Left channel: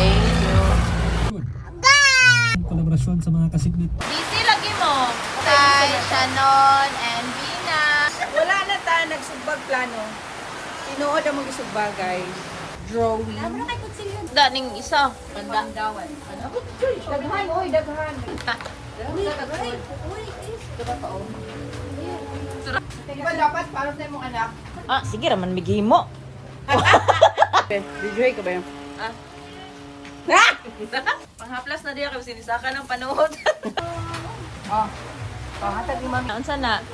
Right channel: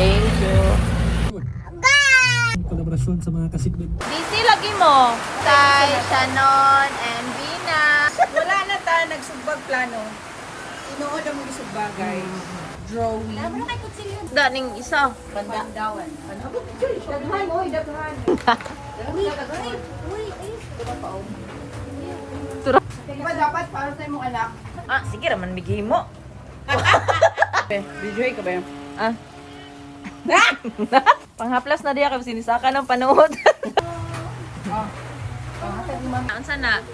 Thank you. Kolaborasyon sa mga kasiglit. Busy lagi mo. Kay Shannon and Vina. Wala na ta, nagsugbag plano. Tinuod ang mga sugbag, guys. Drawing. Daning isa. Daghan, oy, daghan. Diba dapat para sa imong anak? Ah, sige raman migihimo. Enjoy ka ba yun? Panghaplas na diya kasi sinisaka ng panood. Hatag ni mami. Ang sana.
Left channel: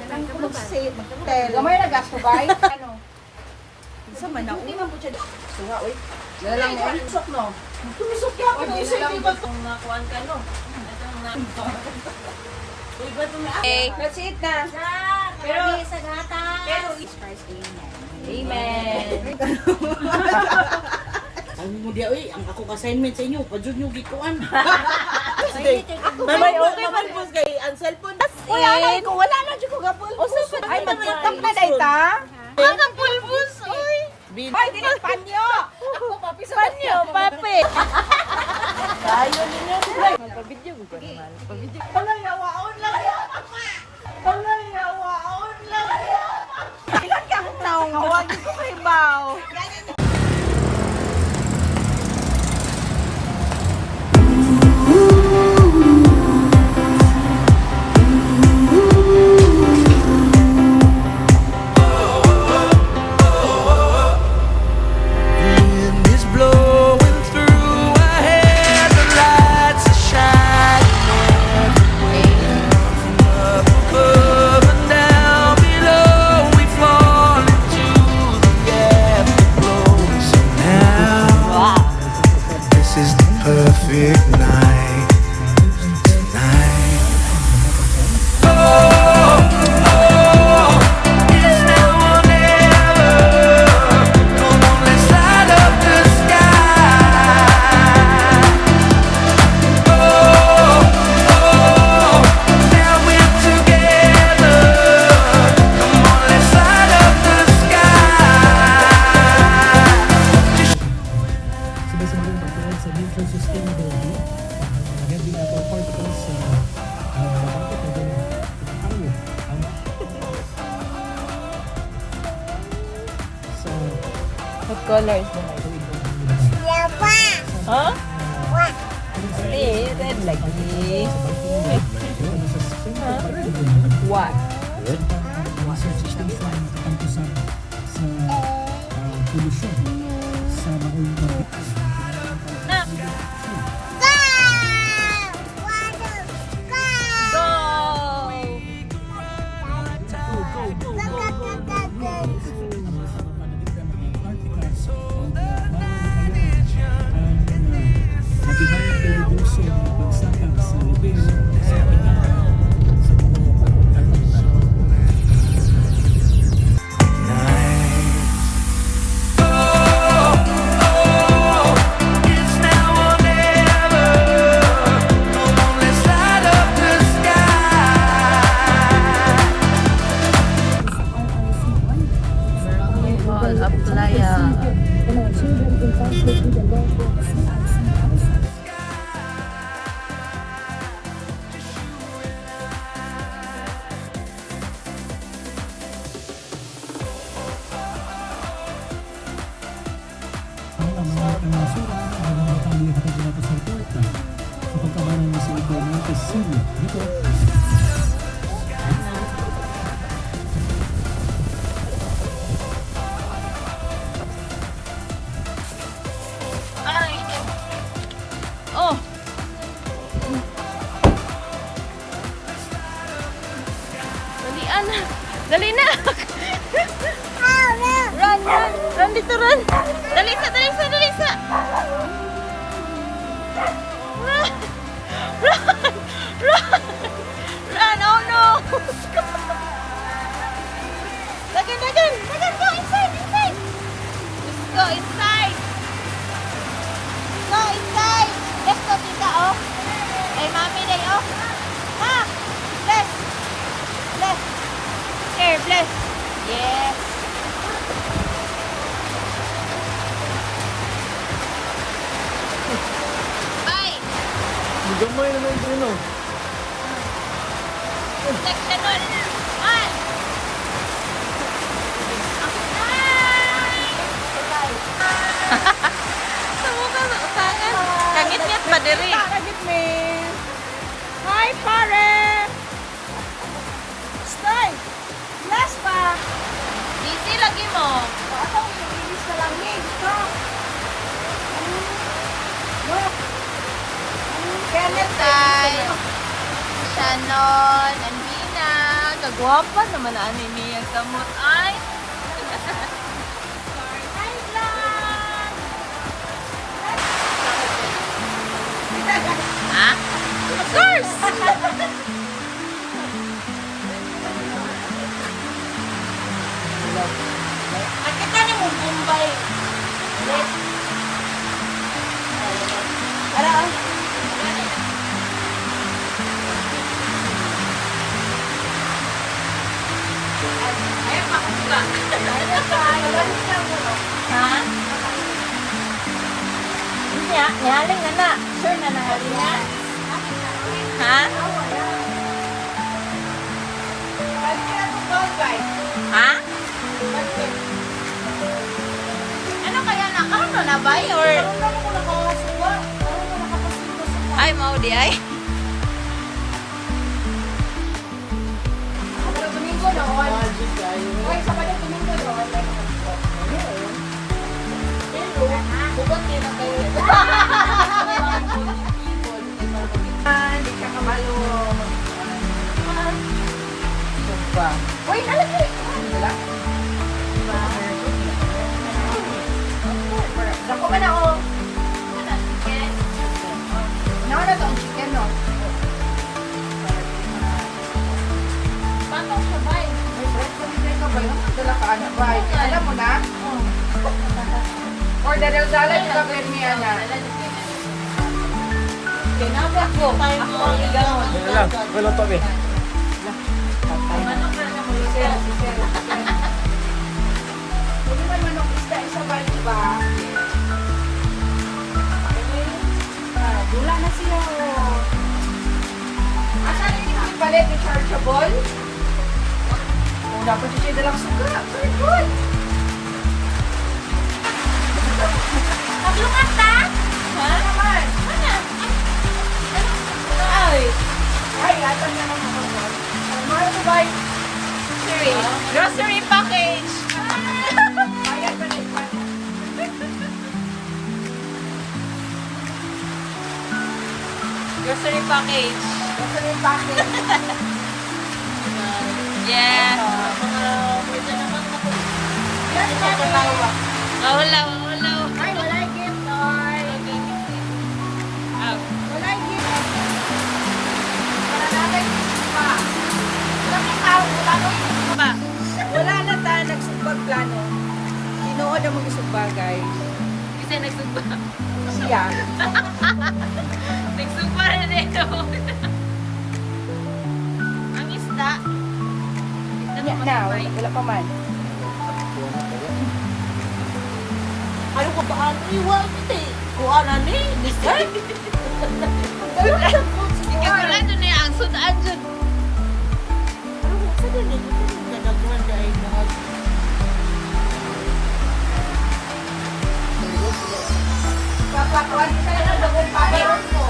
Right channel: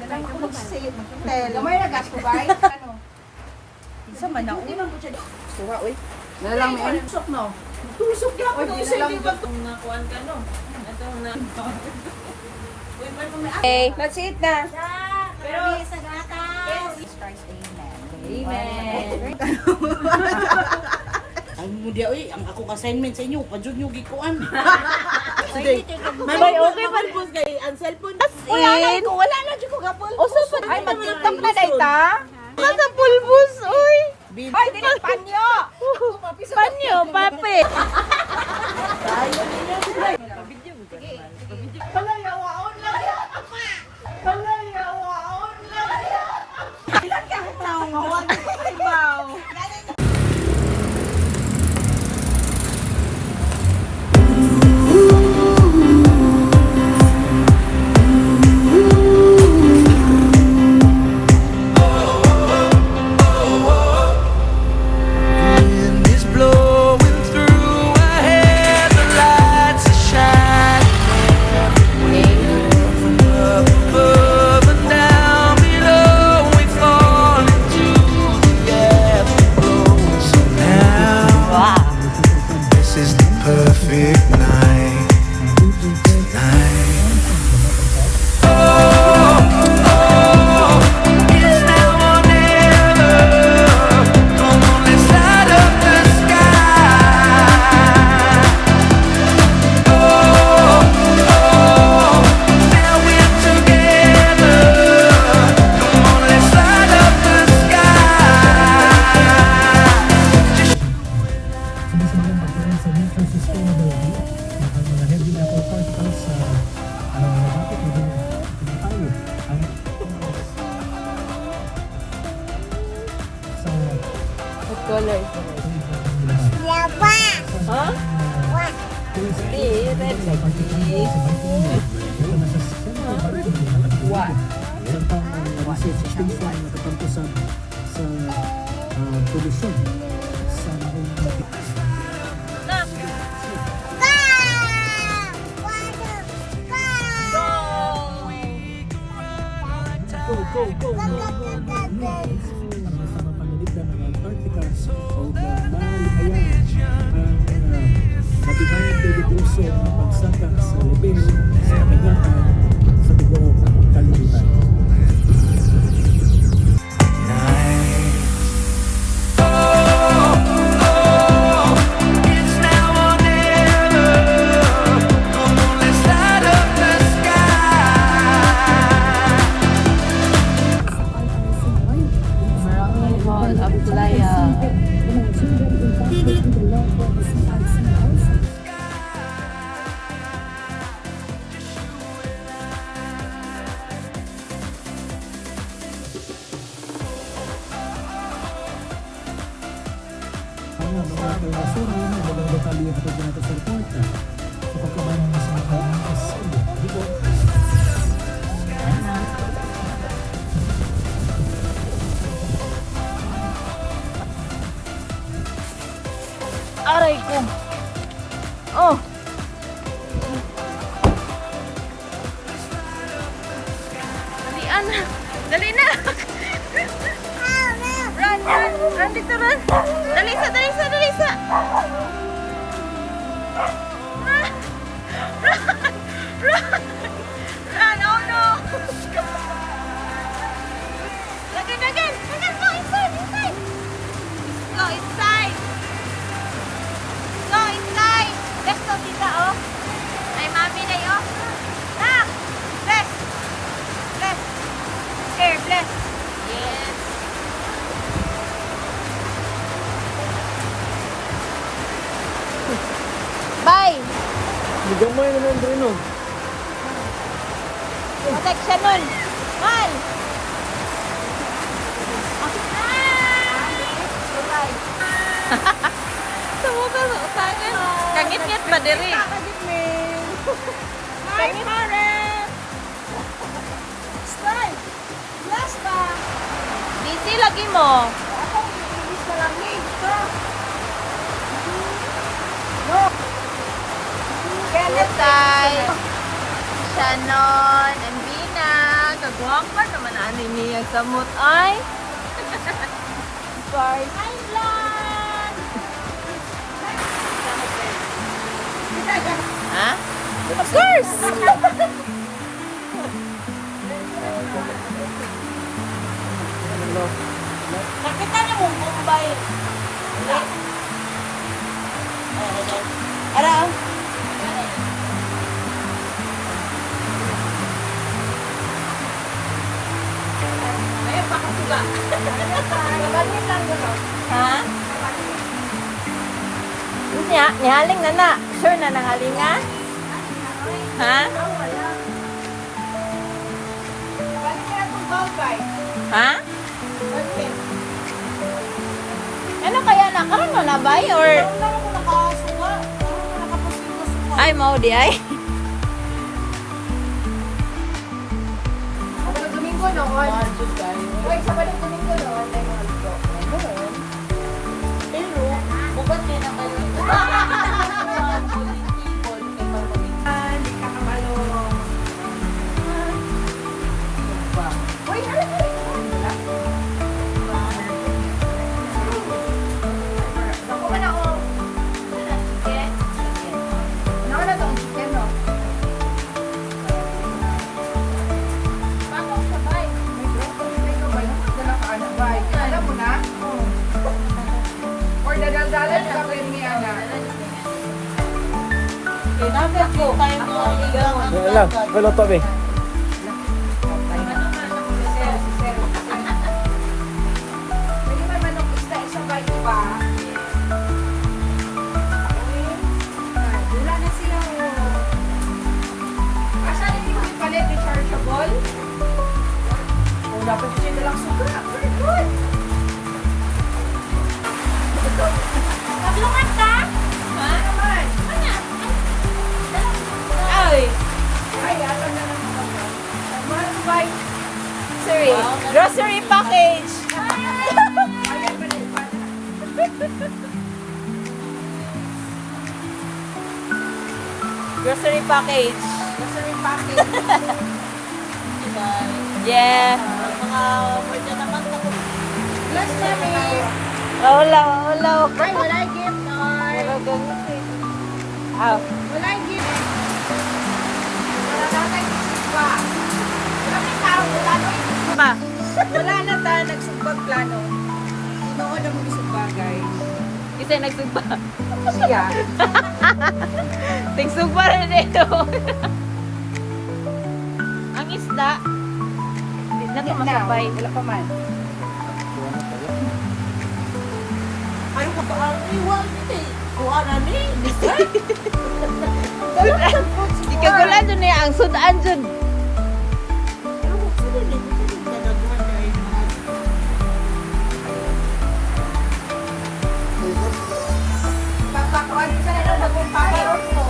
Dalang ko mag-say, mag-tell. Gamay na gas ko, guys. Ano? Isa man na. Unang po siya. Suwa, uy. Dalang mo. Tusok, no? Tusok ka ako. Kung nakuhaan ka, no? Itong na... Okay. That's it na. Pero sa gata. Pero Christ, amen. Amen. Ang mo dia oy, ang ako assignment sa inyo, padjud nyo gikuan. Babay, okay man po kay ang cellphone. Uy, alay ko. Wala na dyan ko gapulbus. Ay, mag-tiktok na dahi ta. Sa pulbus, uy. Ay, din ang panyo. Panyo, pape. Panangawaon lang yan. Panangawaon lang yan. Ilan kang naungawan ko kay Bao? Wind is blowing through our hair, the lights are shining everywhere. From up above and down below, we fall into the afterglow. So now, this is the perfect night. Tonight. Oh, oh, it's now or never. Come on, let's light up the sky. Oh, oh, now we're together. Come on, let's light up the sky. Just Sinasalang pagkain sa nature sustainability. Heavy metal particles sa What color is the light? Huh? Hindi, red like this. What? research station matatampo sa pollution sa mga it's now or never. Come on, let's light up the sky. All up to Laya. Aray ko. Oh. Dali, anak. Dali na. Run, run. Run dito, run. Dalisa, dalisa, dalisa. Run. Run. Run. Run. Oh, no. Lagan, lagan. Lagan, go inside, inside. Go inside. Go inside. Just to Mika, oh. Ay, mami na, oh. Ah. Bless. Bless. Here, bless. Yes. Gamay na lang rin, no? Connect siya nun. One. Sumuka sa utangan. Kangit-ngit ba diri? Kagit me. Hi, pare! Stay! Last pa! Busy lagi mo. Ako, ilis na lang ni. Ha? No. Kenneth, Tay. Shannon, Anvina. Kagwapa naman ano niya kamot ay. Sorry. Hi, Lord. Ha? Of course. Nakita niyo mo yung bae. Nihaling na na. Sure na nahaling na? Ha? Ha? Ano kaya nakaroon na na ba? Or... Ay, mau di ay. Domingo noon. Uy, Sabado Domingo noon. Hindi ka kabalo. Uy, alam mo. Ako ka na ako. No, no, no. Chicken, no. Bakit ka ba? May ka ba? Dala ka, ano ba? Alam mo na? Or dadal-dalan na gawin niya na. Kinagap ko. Tayo mo ang ilaw. Wala lang. Wala to, eh. Hindi naman nung isda isa ba ito pa? Dula na siya. Asan yung palit rechargeable? Oh, dapat siya dalang suga. Very good. Tatlungan ka? Ha? Naman. Ay, Ay, yata na lang ako. Mahal ko ba? grocery package. Bayad ka na ipa. Grocery package. Nasa yung packet. Yeah. Yes, mami. Wala, wala. Ay, wala yung gift, Noy. Ah, Wala yung gift. Wala natin gift pa. Kami tao, ano yung pa. wala na ta, nagsugbag plano. Tinood ang mag-isugbag, guys. Kasi nagsugba. Siya. Nagsugba na dito. Ang isda. Na, wala pa man. Ano ka ba ang iwan? Kuha na ni. Dessert. Wala doon eh, ang sudan dyan. Papakuan ka na ng pagkaroon mo.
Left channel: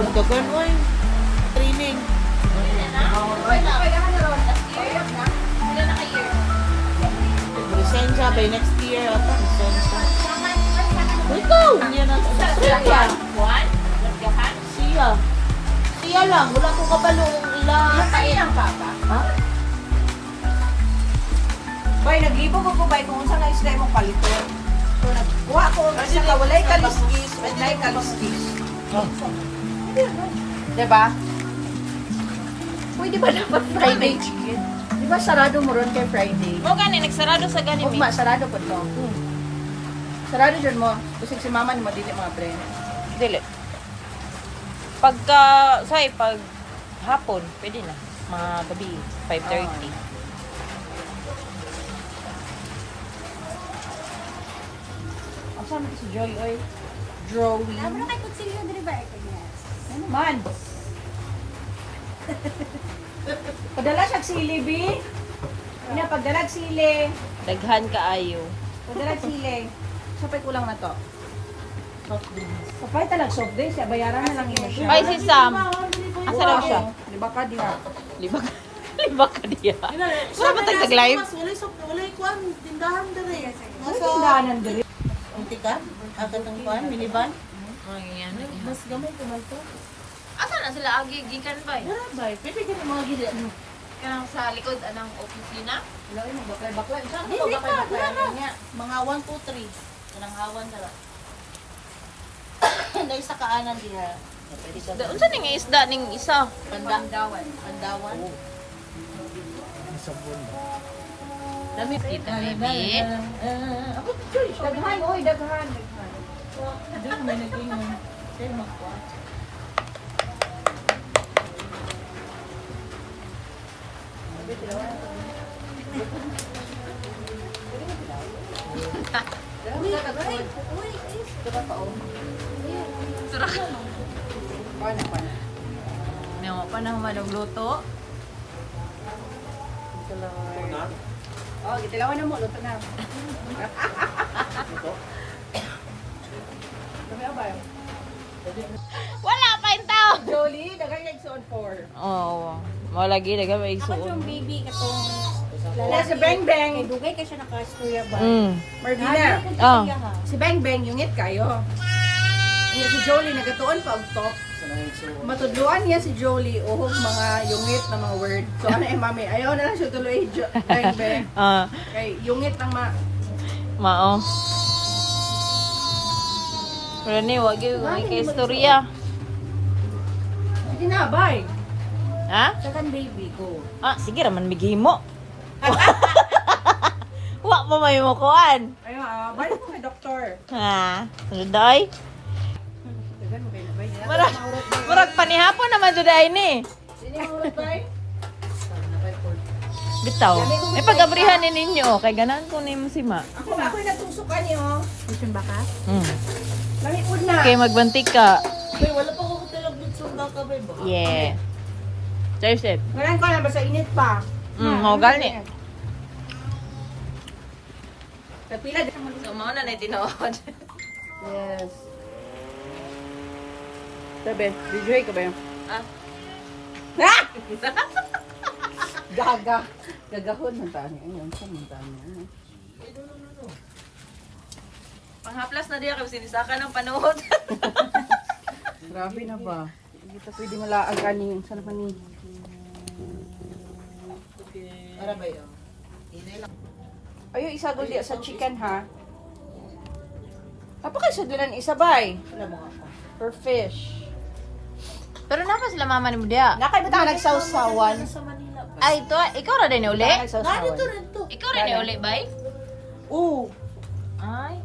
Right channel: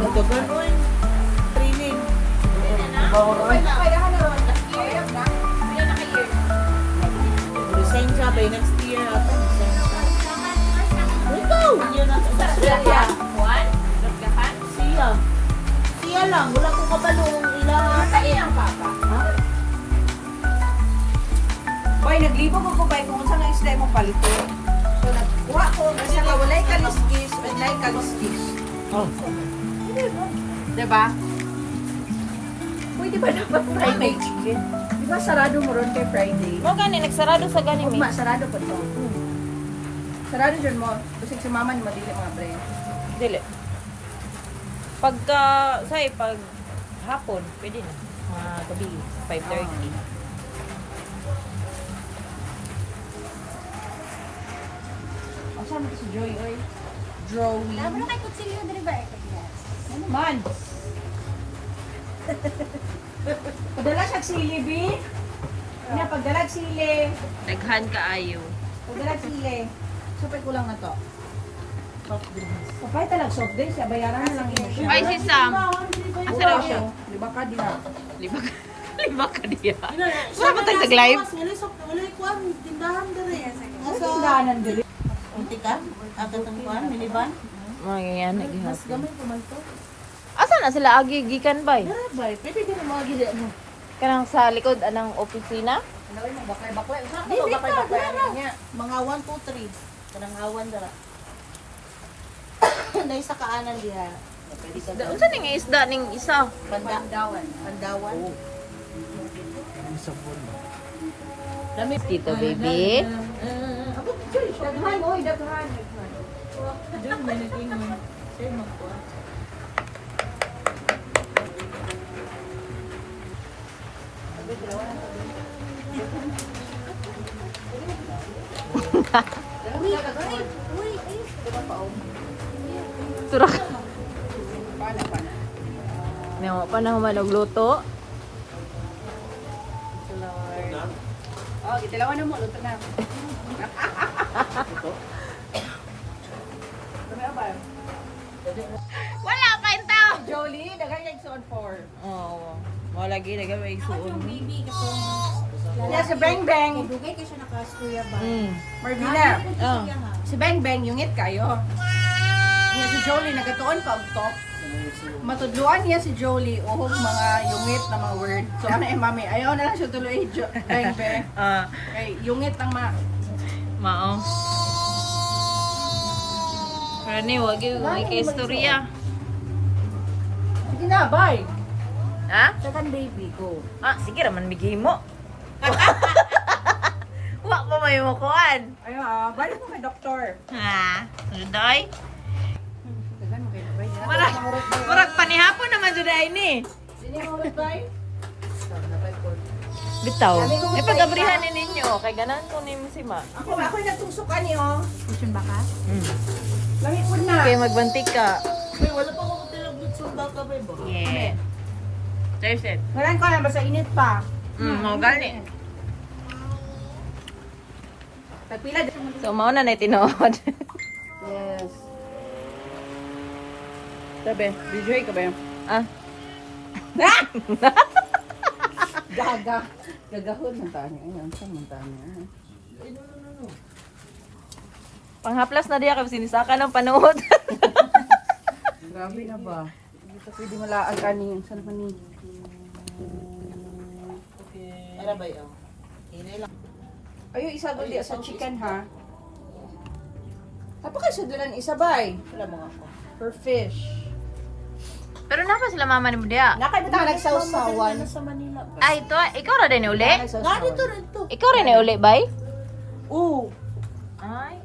Nagdagan mo yung training. Lisensya by next year. Lisensya. Ikaw! Hindi na siya. Siya. Siya lang. Wala ko kabalo kung ilang. Bay, naglibog ako bay kung saan ang isda mong paliton. So, nagkuha ko ng isa ka walay kaliskis, walay kaliskis. Ah. Diba? Pwede ba dapat Friday? Di ba sarado mo ron kay Friday? Mo gani, nagsarado sa gani mi. Ugma, sarado pa daw. Sarado dyan mo. Kasi si mama ni madili mga brain. Dili. Pagka, pag hapon, pwede na. Mga gabi, 5:30. Asan mo si Joy, oy? drawing. Ano kay kutsilyo diri ba? Yes. Ano man? Padala siya sili, B. Ina, pagdalag sili. Daghan kaayo. Pagdalag sili. Sapay kulang na to. Sapay talag soft drinks. Siya, bayaran na lang yun siya. Ay, si Sam. Asa na siya? Liba ka diha. Lima ka diya. Wala ba tayo nag-live? Wala kuan tindahan dere. Ano tindahanan diri? Unti ka? Agad ang kuan minivan. Ay, ano. Mas gamay ko man to. Asa na sila agi gikan bay? Dara bay, pepe di mo gid. Kanang sa likod anang opisina? Loy mo baklay. Usa ko baklay niya. Mga 1 2 3. Kanang awan dara. Dahil sa kaanan diha. Pwede ka. Da unsa ning isda ning isa? Kandawan. Dami. Tita baby. Ako choy. Daghan, oy, daghan. Diyan may nag-ingon. Say mo ko. Surak. Pana. May pa na humanog luto. Oh, gitilawan na mo, luto na. Dami ba? Wala pa yung tao. Jolie, daghan yung son 4. Oh, mo lagi daga may suon. Baby katong Yes, si Beng Beng. dugay kay siya naka-istorya ba? Marvina. Oh. Si Beng Beng, yungit kayo. Niya si Jolie, nagatuon pa og talk. Matudluan niya si Jolie, uhog mga yungit na mga word. So ano mami, ayaw na lang siya tuloy, Beng Beng. Kay yungit ang Mao. Pero ni wag yung kay istorya. Hindi na, bye. Ha? Tagan baby ko. Ah, sige raman migihimo. Wa pa may mo kuan. Ayaw bye ko kay doktor. Ha? Suday? Tagan mo kay na, bye. Murag panihapon naman suday ni. Sino yung ulit, bye? Bitaw. May pag-abrihan ni ninyo kay ganan ko ni mo si Ma. Ako yung nagtusukan niyo. Mission ba ka? Lamipod na. Kay magbantik ka. Bay, wala pa ko tilabit sunda ka bay ba? Yeah. Cheers it. Ngayon ko na, basta init pa. Mo gani. Pagpila dyan. So mao na tinuod. Yes. Sabi, DJ ka ba yun? Ah. Gaga. Gagahon ng tayo niya. Ayun, saan ng tayo niya? Panghaplas na diya kay sinisaka ng panood. Grabe na ba? Hindi ito pwede malaag kanin. Saan pa ni? Ara bay. Inay lang. Ayun, isa gul sa chicken ha. Napakasudulan isa bay. Wala mo ako. Per fish. Pero napa sila mama ni mo diya? Nakaibatang nagsawsawan. Sa Manila. Ay, to, ikaw ra din ni uli? Gani to rin to. Ikaw rin ni uli, bay? Oo. Ay.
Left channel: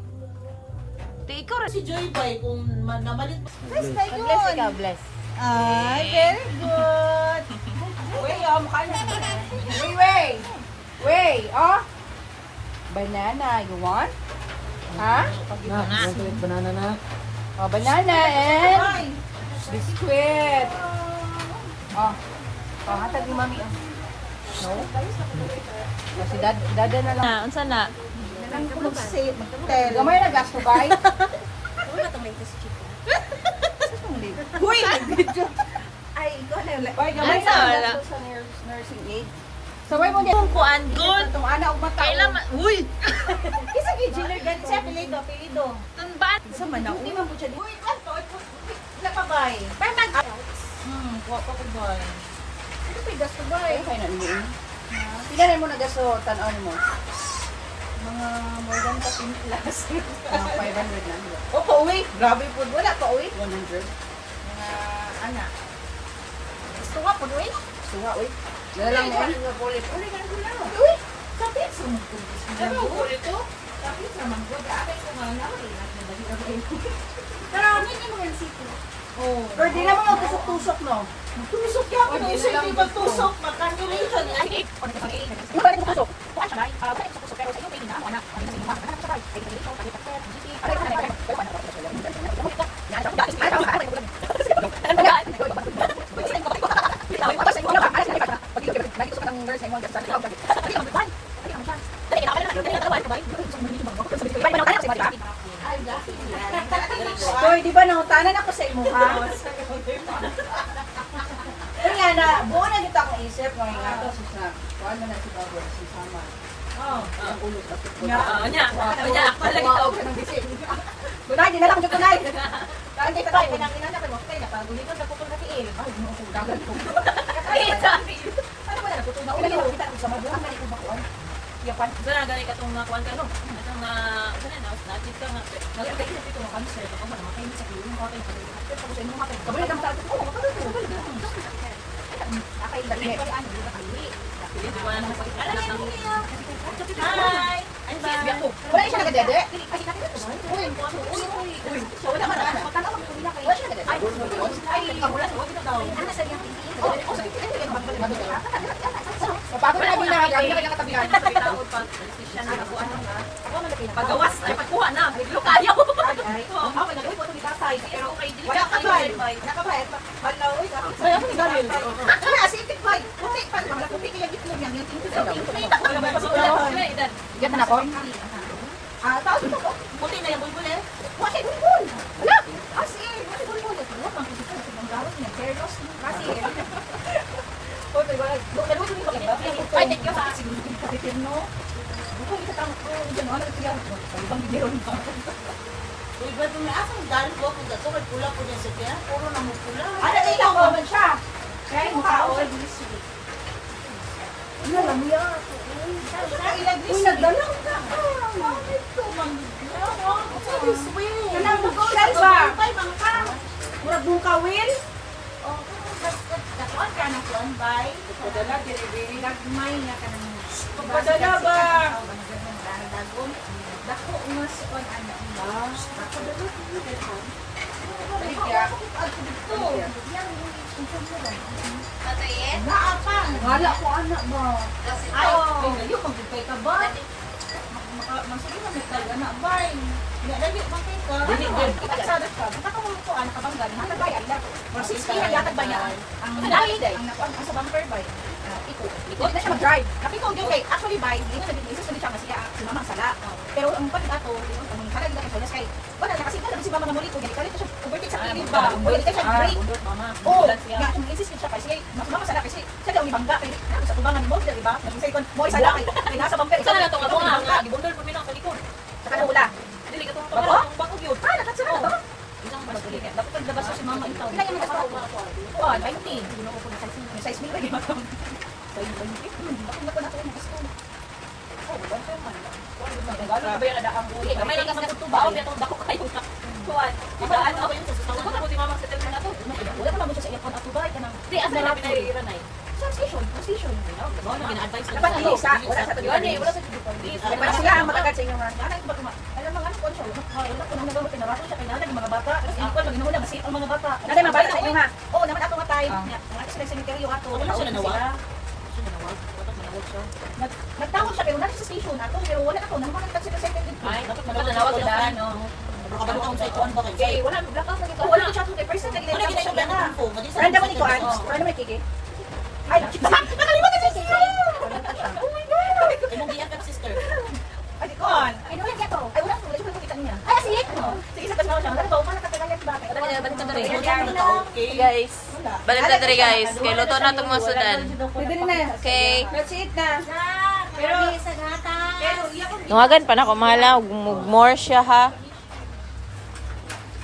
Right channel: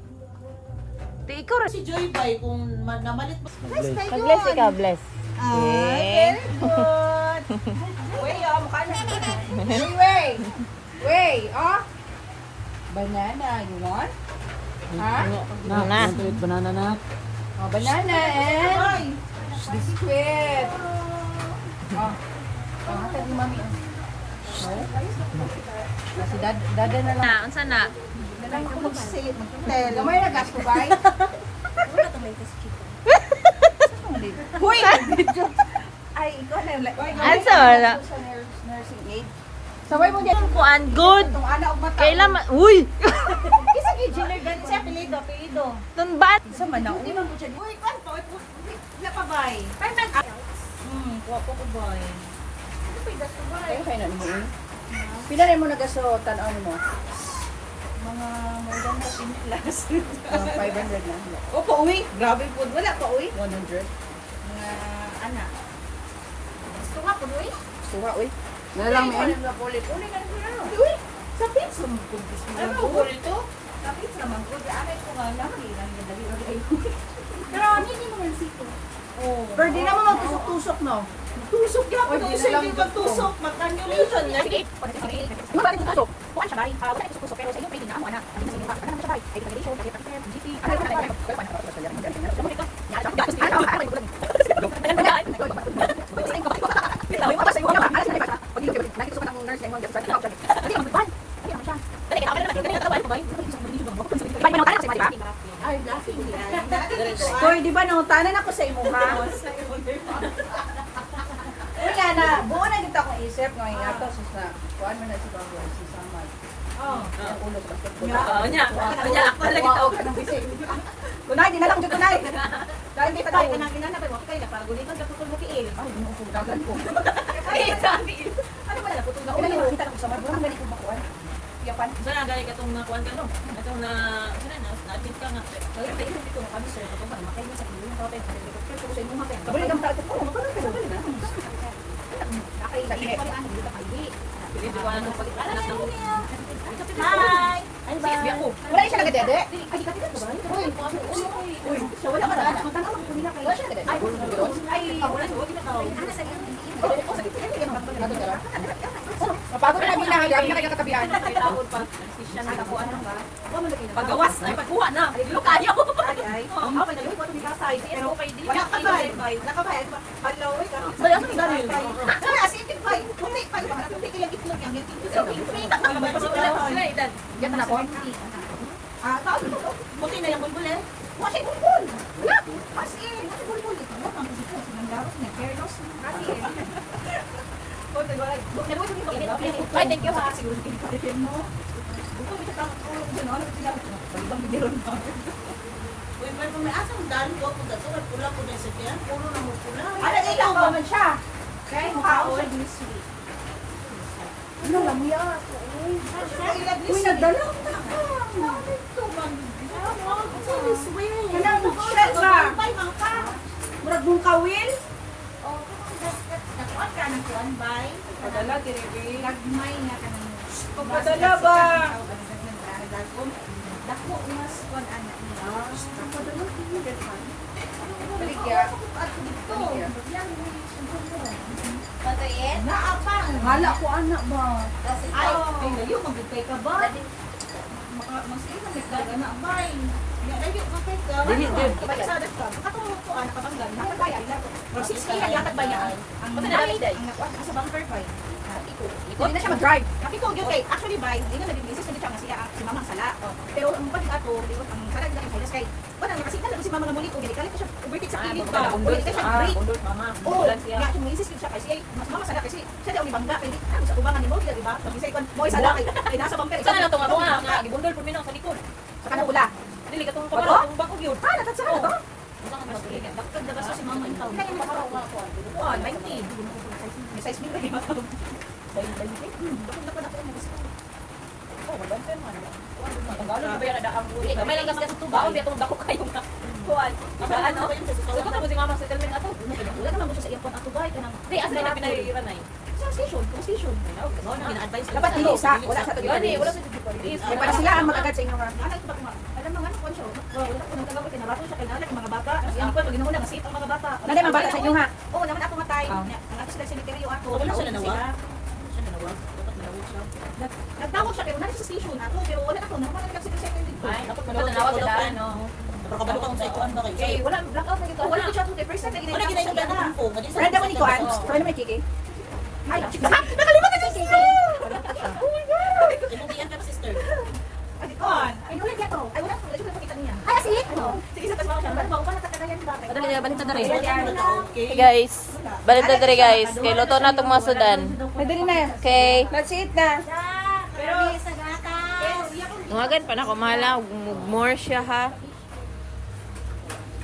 Ti ikaw rin. Si Joy bay kung namalit mo. Bless ikaw, bless. Ay, very good. Wait, Wait, oh. Banana, you want? Ha? Banana na. Oh, banana and biscuit. Oh. Oh, hatag ni mami. No? Kasi dada na lang. Na, unsa na? Dalang ko mag-say, mag-tell. Gamay na gas ko, bay? Wala to may chicken. Huy! Ay, ikaw na. Ay, gamay Asa, na wala. gas ko sa nursing aid. Saway mo niya. Kuan good. Itong ana og mata. Kailan uy. Kisa kay Jenner gan siya apelido. Tun ba? Sa man na uy man po siya. Uy, kan pa. Wala pa bay. Kay mag Kuha pa ko bay. Ano pa gas ko bay? Kay na ni. Pila rin mo nagaso tan-aw mo? Mga more than 15 plus. 500 na. O pa uwi. Grabe po. Wala pa uwi. 100. Mga anak. Gusto ka po doy? Suwa uwi. Nalang mo. Ulit na ko. Uwi. Sa pizza mo ko. Ay mo ko ito. Sa pizza man ko. Anay ko nga na rin. Pero hindi mo man sito. Oh. Pero di naman magtusok-tusok no. Tusok ka. Tusok hindi magtusok. Mag-calculation. Sige. Ano ba rin tusok? Kuha siya ba? Wala ko tusok pero sa iyo pwede na amo ana. Ano sa inyo? Ano sa bay? Ay, dito, kasi pa. GP. Ay, Ay, Hoy, di ba nangutanan ako sa imo ha? Kaya na, buo na dito akong isip no, nga to sa kuan man na si Baboy, si Samal. Ang ulo ba sa kuya? Ako lagi tao. Kunay, di na lang dito kunay. Dahil kita tayo. Inang na pero kay na pagulit ko naputol na tiil. Ay, mo kung dagan ko. Ay, sabi. Ano ba na naputol na? Una ni kita ko sa mga balik ko bakuan. Yapan. Sana galing katong nakuan ka no. Itong na sana na natin ka nga. Nagtay ko dito ng cancer ko para makain sa kuya ko kay. Pero ko sa imo hapon. Kabalik ang tato ko. Makain ko. Nakailan ni ano dito kay. Hindi ko ano anak ng Hi. Ay, baby ako. Wala siya nagadede. Ay, kita ko ba? Uy, so wala man ana. Tanaw ko nila kay. Wala siya nagadede. Ay, wala sa wag na daw. Ano sa iyo? O sa kita ko yan magdala. Paano na ginahali na kay katabihan? Tawod pa. Decision na nakuha na. Ako na lagi. Pagawas ay pagkuha na. Dilo kayo. Ay, ako na lagi ko ni Basay. Pero kay dili Wala ka ba? bay. Nakabay. Hello, wait. Bay ako ni Daryl. Kana asipit ba? Kunti pa ba? Kunti kilagit mo yan yung tingin sa. Wala ba sila idan. Yan na ako. Taos mo ko. Buti na yung bulbul eh. Wala bulbul. Wala. As in, wala bulbul. Wala pang isip ko ng gawin ng fairness. Kasi Hoy, diba? Dalawa ko yung pagkakas. Ay, thank you ha. Siguro hindi ka dito, no? Buko ito tama ko. Diyan ano siya? Ibang video na. Uy, ba't may asang dalo ko ako dito? May pula ko dyan sa kaya. Puro na mo pula. Ano ikaw ba man siya? Kaya mukha ko sa bilis. Ano lang mo yan? Uy, nagdala ka. Very sweet. Kailangan mo shell ba? Murag mong kawil? Dakuan ka ng kuan bay. Padala, diri Lagmay na ka ng Padala ba? Dako mas kuan ana. Padala, Talikya. Tatayin? Naapang. Hala ko anak ba? Ay, Ay, layo, magkay ka ba? Sige mo, Mr. Anak ba? Lagi, bakit ka? Dili, dili. Pagkasadat ka, makatulong ko, anak kabanggan, hatag ba yan? Or 60 yan, hatag ba yan? Ang sa bumper ba? Iko. Hindi na siya mag-drive. Kasi ko, okay, actually ba, hindi na naging isis, hindi siya nga siya, si mama ang sala. Pero ang pati ato, ang sarag na kay kay, wala, nakasita lang si mama nga mulit ko, galit siya, converted sa kilid ba? Converted siya, break. Mama. Oo, nga kung insist siya kasi mama sala kasi siya daw ibangga kay sa tubangan ni mo, di ba? Mag-say kon mo sala kay nasa bumper. Saan na tunga tunga nga gibundol po minang sa likod. Sa kanula. Dili ka tunga tunga bako gyud. Ah, nagkatsa ko ba? Unsa ka magdili? Dapat dabas si mama ikaw. Kaya ni ako ako. Kuan, may need. May size mo ba di ba? Bay. Bakit na ko na ko gusto. Oh, bumper man. Nagalo ba yan ang Dili gamay lang kasi tubaw biya tong dako kayo na. Kuan. Ibaan mo yun sa tawag ko si mama sa telemen ato. wala naman mo siya sa airport ato ba kana. Di asa na pinairanay. Sa station, police station. Mo na gina-advise Dapat hindi isa, wala sa tuloy. Gani, wala sa dito. May para sila ang magagad sa inyong mga anak ko ba kuma. Alam mga anak ko siya. Wala ko mga gamot na bato siya kay nanay mga bata. Kasi ako pag mo lang kasi ang mga bata. Nanay mga bata sa inyo nga. Oo, naman ato nga time. Ang ato sila cemetery ato. Wala siya nanawag. Siya nanawag. Bakit nanawag siya? Nagtawag siya pero nanay sa station ato pero wala na ko naman ang second dito. Ay, dapat nanawag sa daan, no. Pero kabalo ka kung sa ikuan ba kayo? Okay, wala blackout na dito. Wala ko siya kay first time Wala ginagawa na kung po. Madi sa Randa man ikuan. Ano naman kiki? Ay, nakalimutan si Kiki. Oh my god. Ay, mong diyan ka sister. Ay, ikuan. Ay, wala niya to. Ay, wala ko. Wala ko makita niya. Ay, sige. Sige, sa kasama siya. Ano ba? Upang nakatagalan ba? Balik na diri. Okay. Guys, balik na diri guys. Kay luto na tong mga sudan. Pwede rin na. Okay. Let's eat na. Pero sa gata. Tungagan pa na ko mahala ug more siya ha.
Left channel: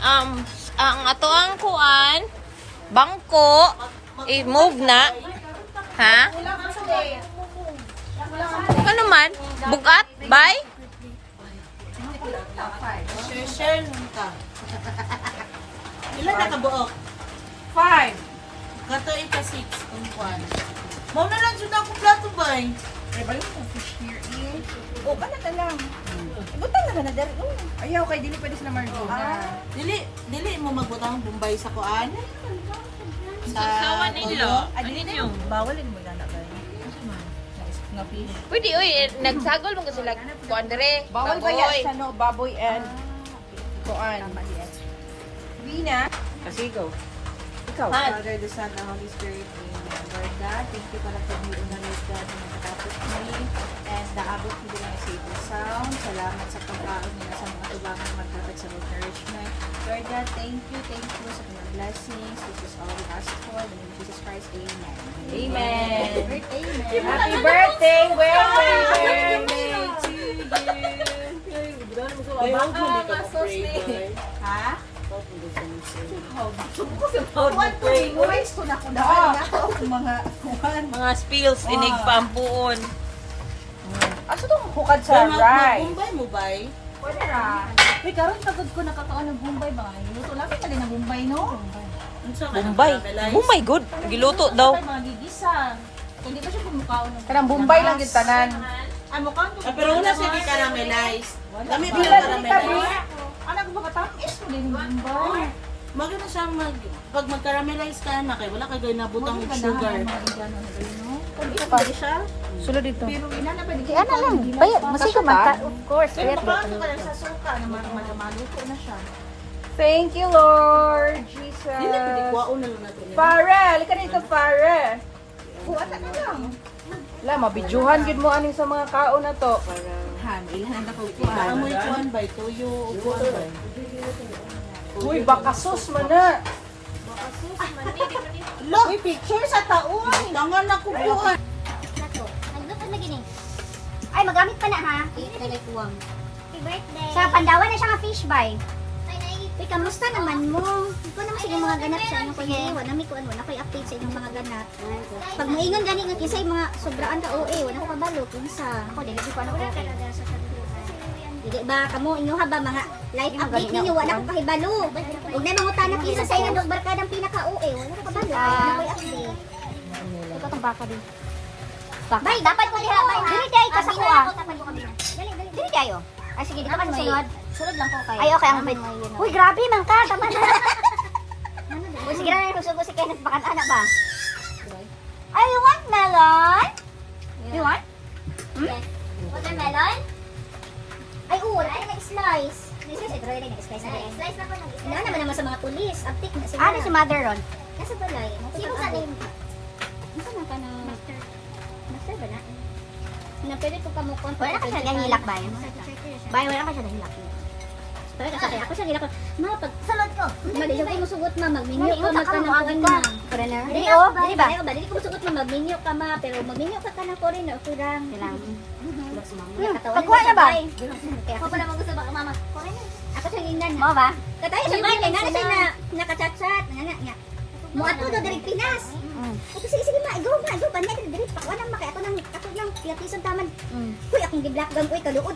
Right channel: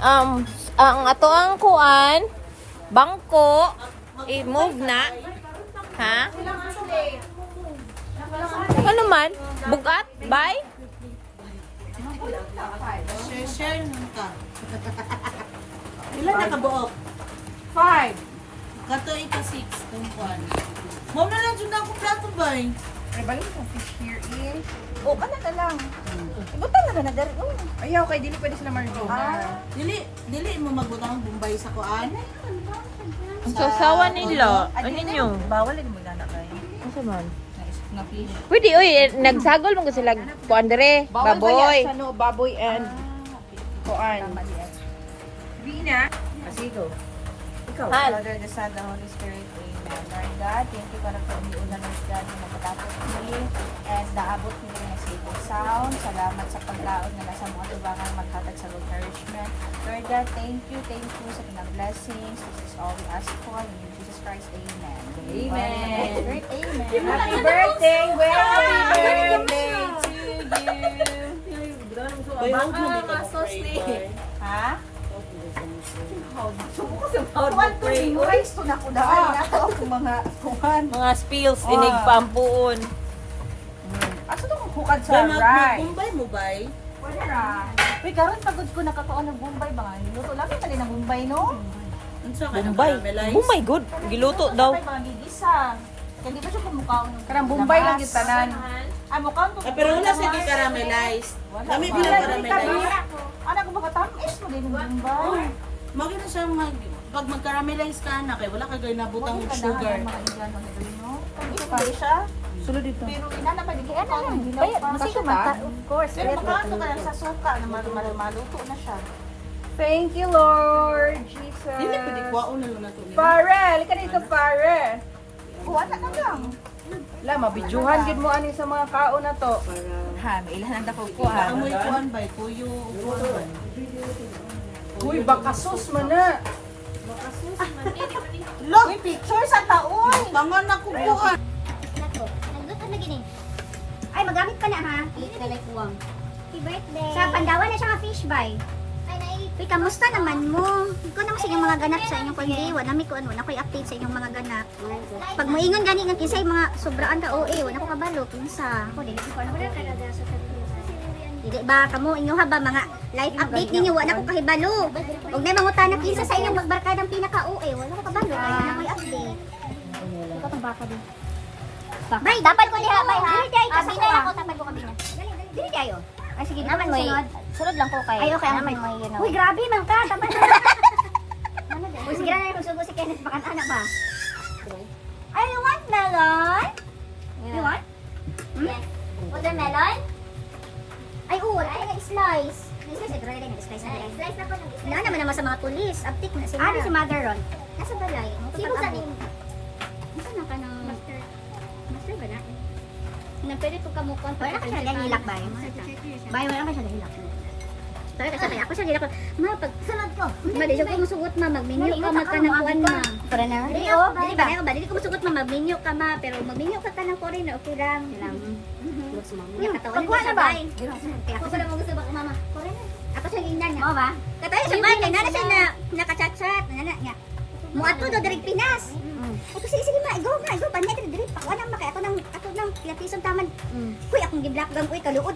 Ang ato ang kuan bangko i-move na. Ha? Ano man? Bugat? Bye? Share nung ka. Ilan na kabuok? 5. Kato ika 6 kung kuan. Mao na lang jud ako plato ba? Ay, balik mo fish here eh. Oh, kana na lang. Ibutan na na dari. Ayaw kay dili pwede sila margo. Dili mo magbutang Bombay sa kuan. Sasawa nila. Ano ninyo? Bawal din mo inana kay. Asa man? Na fish. Pwede, uy, nagsagol mo kasi sila kuan dire, Bawal ba yan baboy. sa no baboy and kuan. Tama diyan. Rina. Kasi go. Ikaw. Father, the Son, the Holy Spirit. Amen. Lord God, thank you para sa umiunan ni God na magkatapos kami and naabot mo din ang safe sound. Salamat sa pagkaon na nasa God, thank you sa mga blessings. This is all we ask for. In the name of Jesus Christ, amen. Amen. Amen. Happy birthday, Ha? Memorize ko na ko na. Mga kuhan. Mga spills, dinig pa ang puon. Aso to hukad sa right? Mag-bumbay mo bay? Pwede na. Uy, karon pagod ko nakakaon ng Bombay ba? Niluto namin pa din ng Bombay, no? Bombay. Oh my God. Giluto daw. Mga gigisa. Hindi ba siya kumukhaon ng Kanang Bombay lang yung tanan. Ah, mukhaon ko. Pero wala siya di-caramelize. Dami ba Wala, na dili caramelize? ka. Anak ko makatamis mo din yung Bombay. Maganda siyang pag mag-caramelize ka na kay wala ka gawin na butang sugar. Pwede siya. Sulod dito. Pero inana pa di kaya Ano lang, bay, masiko ka? Of course. Makaano ka lang sa suka na maluto na siya. Thank you, Lord Jesus. Hindi pwede kuwaon na lang nato niya. Pare, halika dito, pare. Buwan na lang. La, mabidyohan gid mo aning sa mga kaon na to. Ha, may ihanda ko po. Amoy kuwan bay, tuyo o kuwan bay. Uy, bakasos man na. Look, picture sa taon. Tangan ako kuwan. Nato. Nagluto na gini. Ay, magamit pa na ha. Talay kuwang. Happy birthday. Sa Pandawan na siya nga fish bay. Uy, kamusta naman mo? Ikaw naman sa inyong mga ganap sa inyong pag-iwa. Nami ko ano, nakoy update sa inyong mga ganap. Pag maingon gani nga kinsa yung mga sobraan ka OA, wala ko kabalo kinsa. Ako dili ko ano ba talaga sa Dili ba kamo inyo ha ba mga live update ninyo wala ko kahibalo. Ug na mangutana kinsa sa inyong barkadang pinaka OA, wala ko kabalo. Nakoy update. Ito tong baka din. Bay, dapat ko diha bay. Dili diay ka sa kuha. Dili diayo. Ay sige, di ka man sunod. Sunod lang ko kay. Ay okay, ang may. Uy, grabe man ka. Tama na. Ano ba? Uy, sige na yung sugo si Kenneth bakan anak ba? I want melon. You want? Watermelon? Ay, wala ay nag-slice. Slice na po nag-slice. Na naman sa mga pulis. Aptik na sila. Ano si mother ron? Nasa balay. Sino sa din? Ano na ka na? Master ba na? Na pwede po kamukha. Wala ka siya nahilak ba yun? Bay, wala ka siya nahilak. Talaga sa kaya ako siya nahilak. Ma, pag salad ko. Mali siya ko musugot ma. Mag-menu ka magkanang na. Para na? Dili ba? Dili ko musugot ma. Mag-menu ka ma. Pero mag-menu ka ka ng foreign. Okay lang. Pagkuha na ba? Ako pala mo gusto ba mama? Ako siya ingnan niya. Mo ba? Katayo siya ba? Nana siya na nakachat-chat. Nana niya. Mo ato do dari Pinas. Ito sige ma, go. Banya ka diri pa wala makay ato nang pilatison taman. Uy, akong gi-black gum uy kaluot.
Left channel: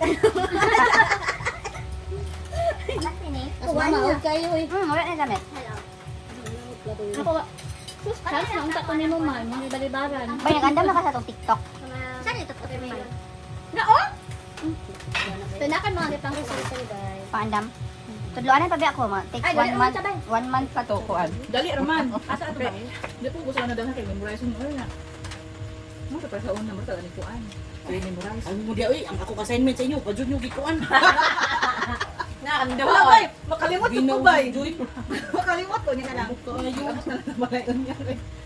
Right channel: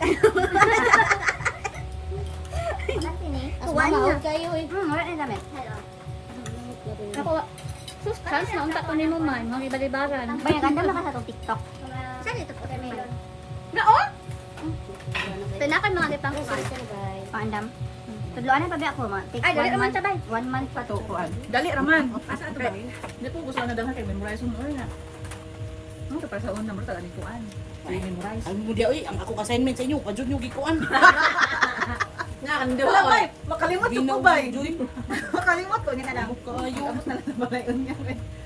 Maud kayo uy. Wala na damit. Ako sus, chance na unta ko nimo man, mga ibalibaran. May ganda na ka sa tong TikTok. Saan ito po tayo yun? Naon? Pinakan mga gitang results sa guys. Pandam. Tudloan na pag ako ma. Take 1 month. 1 month pa to kuan. Dali raman. Asa ato ba? Hindi po gusto na daw kay memorize mo na. Mo pa sa una mo ta ni kuan. Memorize. Ang mo di oy, ang ako assignment sa inyo, pa jud nyo gikuan. Nga ang dawa. Bay, makalimot ko bay. Makalimot ko ni na lang. Kayo.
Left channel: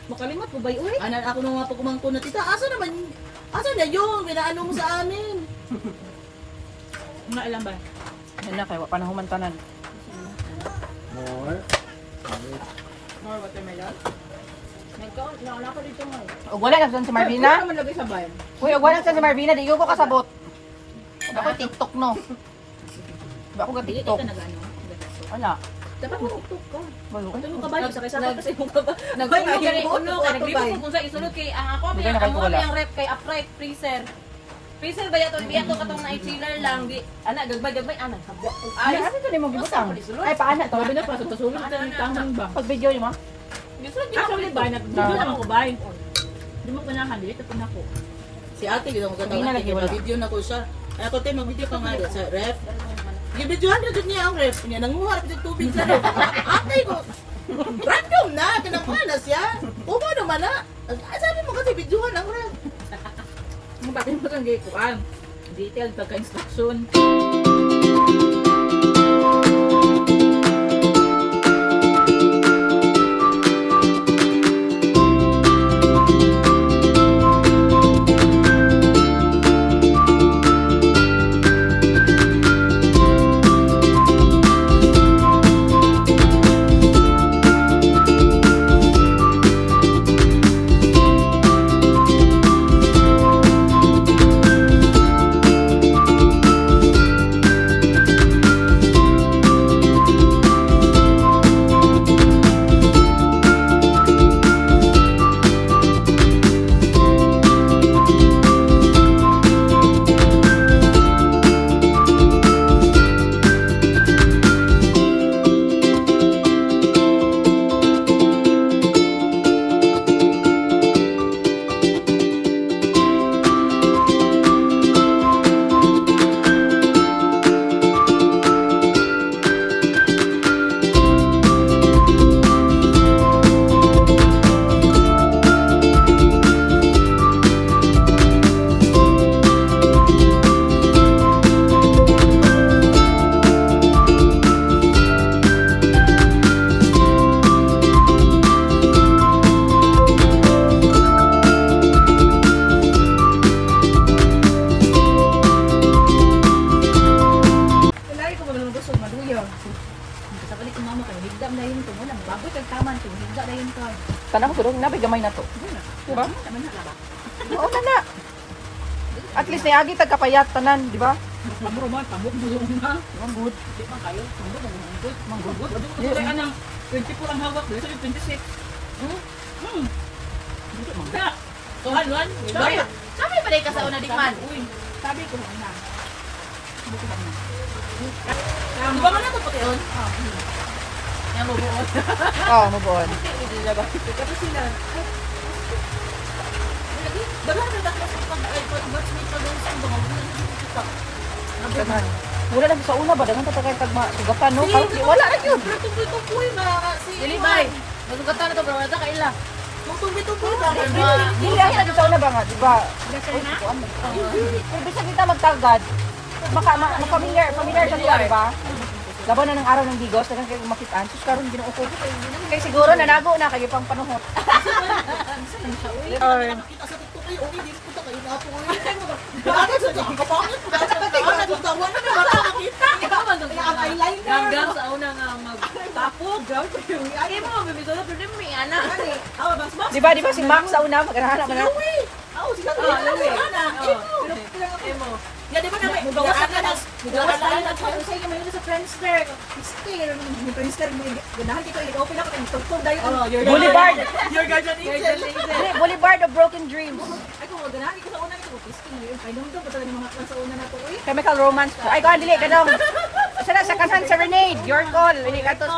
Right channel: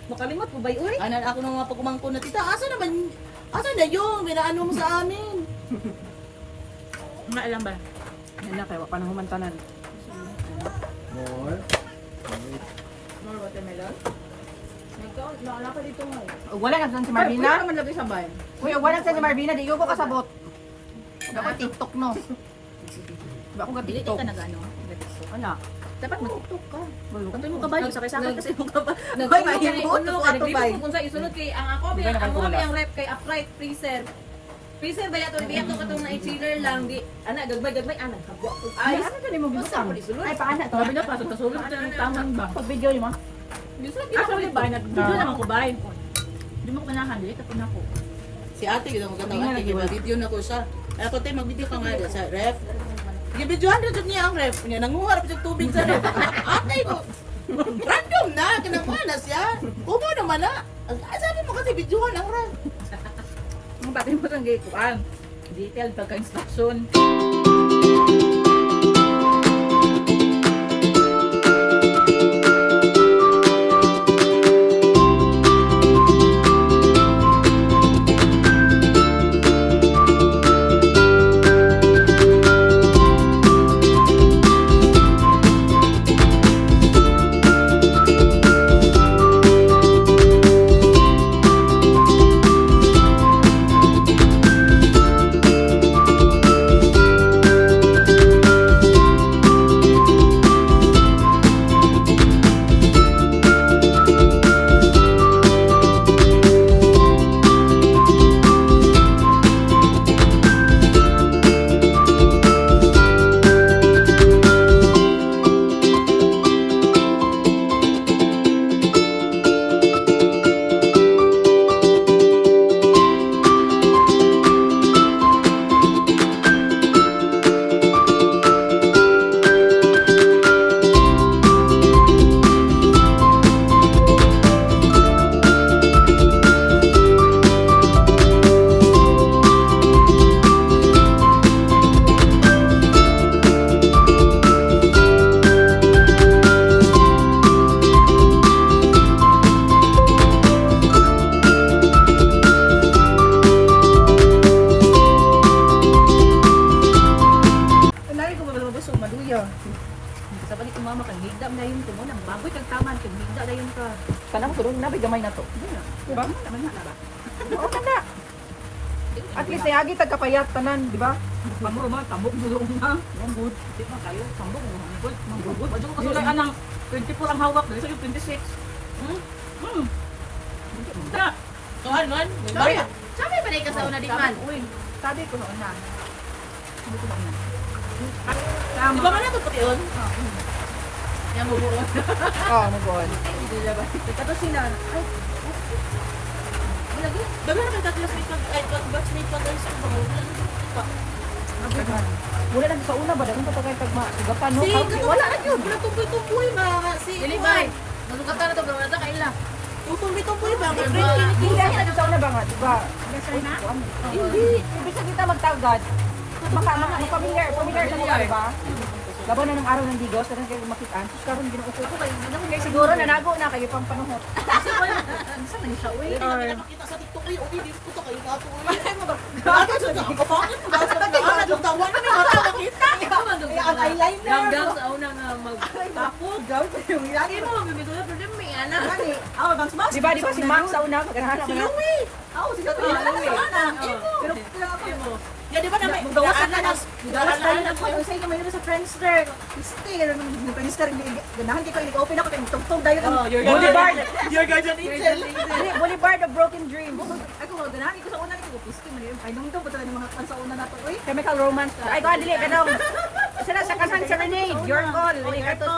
Makalimot ko bay uy. Anan ako nang mga pagkumangko na tita, asa na yung binaano mo sa amin? Wala alam ba? Yan na kayo, panahuman tanan. More. More watermelon. Wala ko dito nga. O wala na si Marvina? Wala naman lagi sabay. Uy, wala na si Marvina, di ko kasabot. Ako TikTok no. Ba ako Dili TikTok. ka nagano. Wala. Dapat mag-tiktok ka. Wala. Kanto mo kabay sakay-sakay kasi mo kabay. Nag-uno ka, nag-uno kung sa isunod kay ang ako, Hindi ka ang nakatulad. mga yung rep kay upright freezer. Freezer ba yato biya to katong na chiller lang di ana gagbay ana kabwa ko Ay, ay ano ka mo gibutang? Ay, paana to? Sabi na pa sa sulod sa taman ba? Pag video yun mo? gusto di Actually ba na video naman ko bay. Di mo panahan dito pin ako. Si ate gito magkatawa ate kay video na ko siya. Ay ako te mag-video ka nga sa ref. Gibidyohan na jud niya ang ref. Niya nanguharap jud tubig sa ref. Ate ko. Random na kinakuha na siya. Umo naman na. Sabi mo kasi videohan ang ref. Ang patin mo sang gikuan. Detailed pagka-instruction. gusto maluya. Sa balik ng mama ko, higda na yun ko. Nang baboy kang taman, kung higda na yun ka. Tanang ko rin, nabay gamay na to. Diba? Naman na ba? Okay na. At least nayagi tagkapayat tanan, di ba? Pamuro man, tabok mo yung na. Manggod. Di ba kayo? Pamuro mo manggod. Manggod. Ano ko sila ka ng 24 ang hawak. Dito yung 26. Da. Tuhan, Juan. Sabi ba ka sa una di man? Uy. Sabi ko na. Di ba man nato pati yun? Yan mo buo. Mabuhan. Kato sila. Ay. Lagi. Dala na tatlo sa batchmate pa doon sa bago. Wala lagi sa una ba? Dagan pa kay pag sugatan, no? Si, Parang wala na yun. Pero tumboy-tumboy ba? Si Ilibay. Nagugatan na to, pero wala kaila. Tumboy-tumboy ba? Hindi lagi sa una ba nga, di ba? Hindi. Ibig sabihin kita magtagad. Baka familiar sa nila, di ba? Laban na ng araw ng digos, kaya kayo makitaan. Sus, karon ginuupo ko kayo. Kaya siguro nanago na kayo pang panahon. Nakita sa TikTok kayo, okay, di ko to kayo nga po. Bakit sa TikTok? Kapangit ko ba? Sa tagaan, nagtawan na may mata nakita. Ang eyeliner. Hanggang sa una nga magtapog. Lagi mo, bibito na, pero may anak. Awa, bang smash? Di ba si Mang sa una, mag-arahan Si na. Louie! Oo, si Kato. Pero kulang ako. Ya, di ba na may gawasan na ng Gawasan na ko sa iyo mayroon sa Friendster. Mister, ni Friendster ganahan kita i-open ako ng tugtog dayo. Oh, your guardian angel. Boulevard of Broken Dreams. Ako ganahan ko sa una ko pisking ngayon. Ay nung to pala ng mga kan sa una na to eh. Chemical Romance. Ay, ko dili kanong. Sana sa Kasan Serenade. Your call. Dili ka to.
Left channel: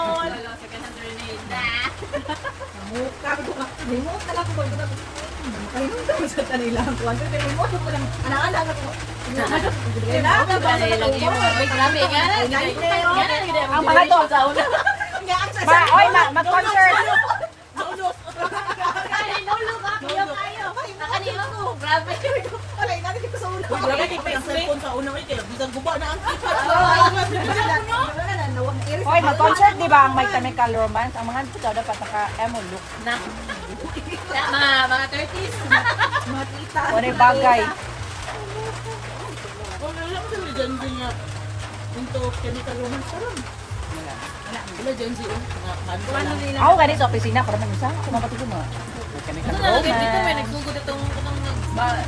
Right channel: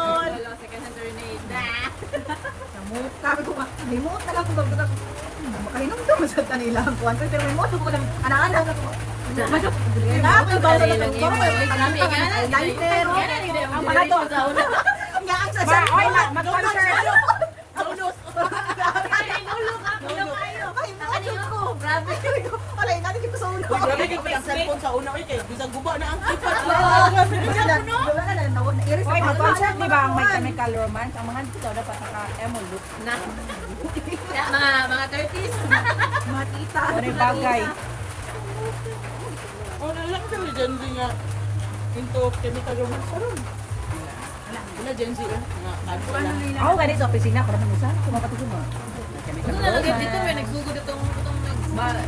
Mukha ko ka. Remote na lang ko ba. Makainom daw sa kanila ang kuwan. Pero remote ko lang anak-anak ako. Anak ba sa lang ko? Ang mga to. Nga ang sa Oy, mag-concert. kanila ko. Grabe. Wala ina ko sa una. Uy, grabe kayo pa yung cellphone sa una kayo kaya bisang guba na ang kita. Oy, mag-concert, di ba? Ang My Chemical Romance. Ang mga tito dapat naka-emo look. Mga 30s. Mga tita. Ano yung bagay? Wala lang kami dyan din nga into chemical romance pa rin. Wala dyan siya. Ako ganit sa opisina. Kung ano sa kumapatid mo. Ano na lagay dito, may nagsugod itong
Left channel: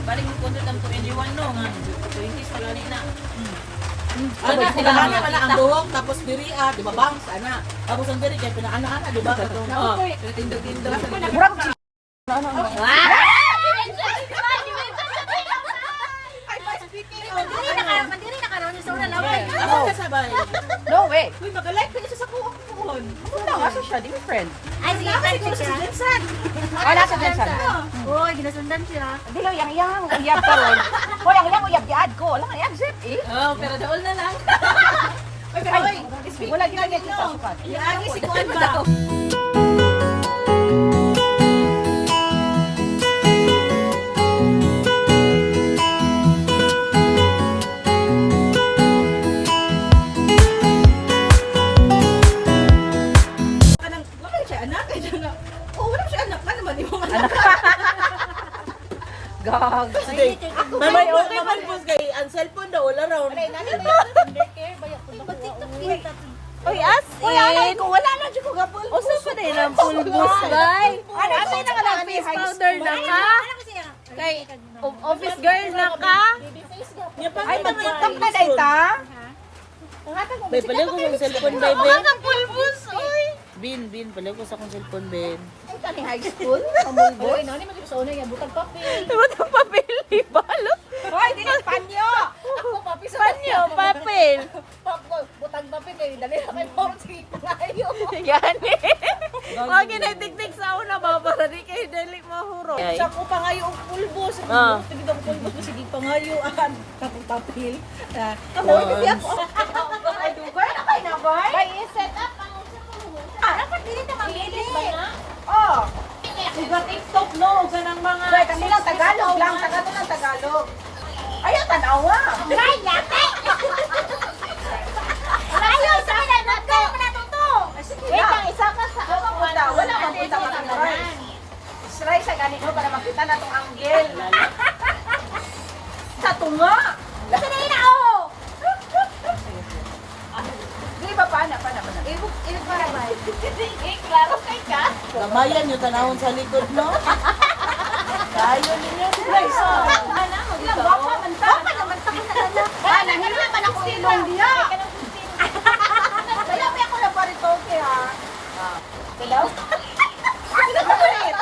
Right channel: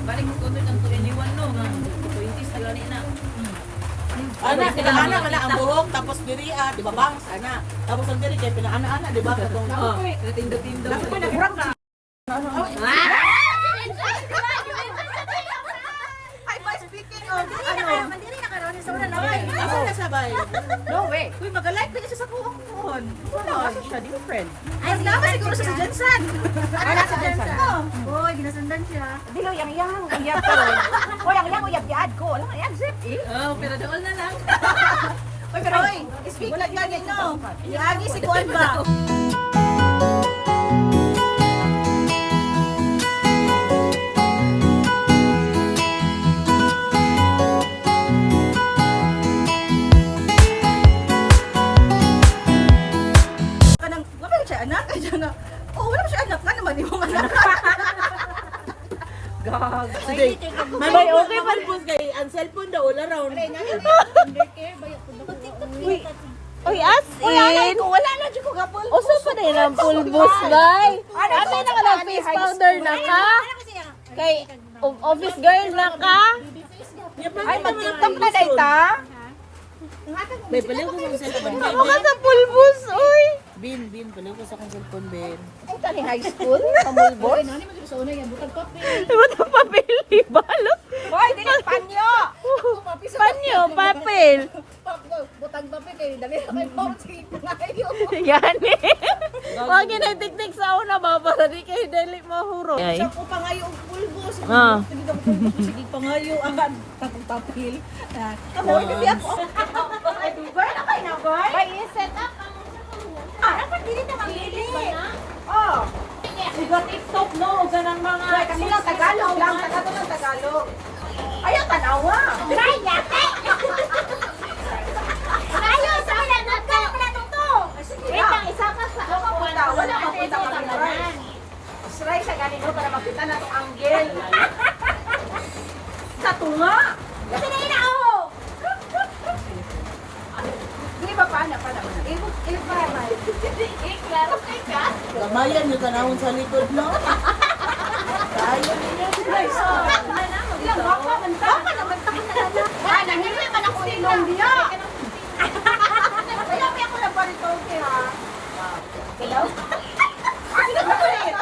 balik mo content ang 21 no, nga 20s tala na. Ana, pinaana ka na ang buhok, tapos diri di ba bangs, ana. Tapos ang diri kay pinaana-ana, di ba? Katong, Tindog-tindog. asa na sabay? No way. Uy, mag-like ka niya sa kuwang kuhon. Kasi siya different. Ay, sige, siguro sa Jensen. Wala sa kansan. Uy, ginasundan siya. Hindi lang yang uyab ka ron. Hoy, ang uyab giad ko. Wala ka yang zip eh. Oh, pero doon na lang. Uy, pero oy, wala gagawin no. Iagi si kuwan ba? Wala siya anak. Oh, wala siya anak. Nga naman, yung anak. Gag. Ay, take a Sabay, okay man po kay ang cellphone daw wala raw. Uy, anay ko. Wala na dyan ko gapol. Uso pa na yung pulbos, guys. Ano na lang face powder na ka? Kay Office girl na ka? Ay, mag-tiktok na day ta? May paliw ko ng cellphone, baby. Mga pulbos, uy. Bin, paliw ko sa akong cellphone, Ben. Kani high school? Pamulbos? Hoy, dili panyo. Panyo, papel. Butang papel kayo. Dali na kayo mo. Sige, pangayo. Wag ginatiktik sa una ba para di kayo dali mahuro. Sa ko pangayo ang pulbos. Tigid ang pulbos. Sige, pangayo ang tapil. Ako, hindi ako. Ay, dugay na kayo na, boy? Ay, set up dapat dili ta mamili. Oh. Siga TikTok, no? Ganang mga... Boy, kasi lang Tagalog lang. Tagalog. Ayaw, tanawa. Ay, yate. Layo sa wala nagka pala to. Sige lang. Isa ka sa Wala mapunta ka ng line. Try sa ganito para makita na itong angle. Sa tunga. Kasi na ina oh. paana. Gamayan yung tanawon sa likod, no? Tayo ninyo. Ilang wapa man ta. Wapa naman ta na. Ay, nangilala man ako ilong diya. Wala pa ako lang paritoke ha. Hello? Sino ba ulit?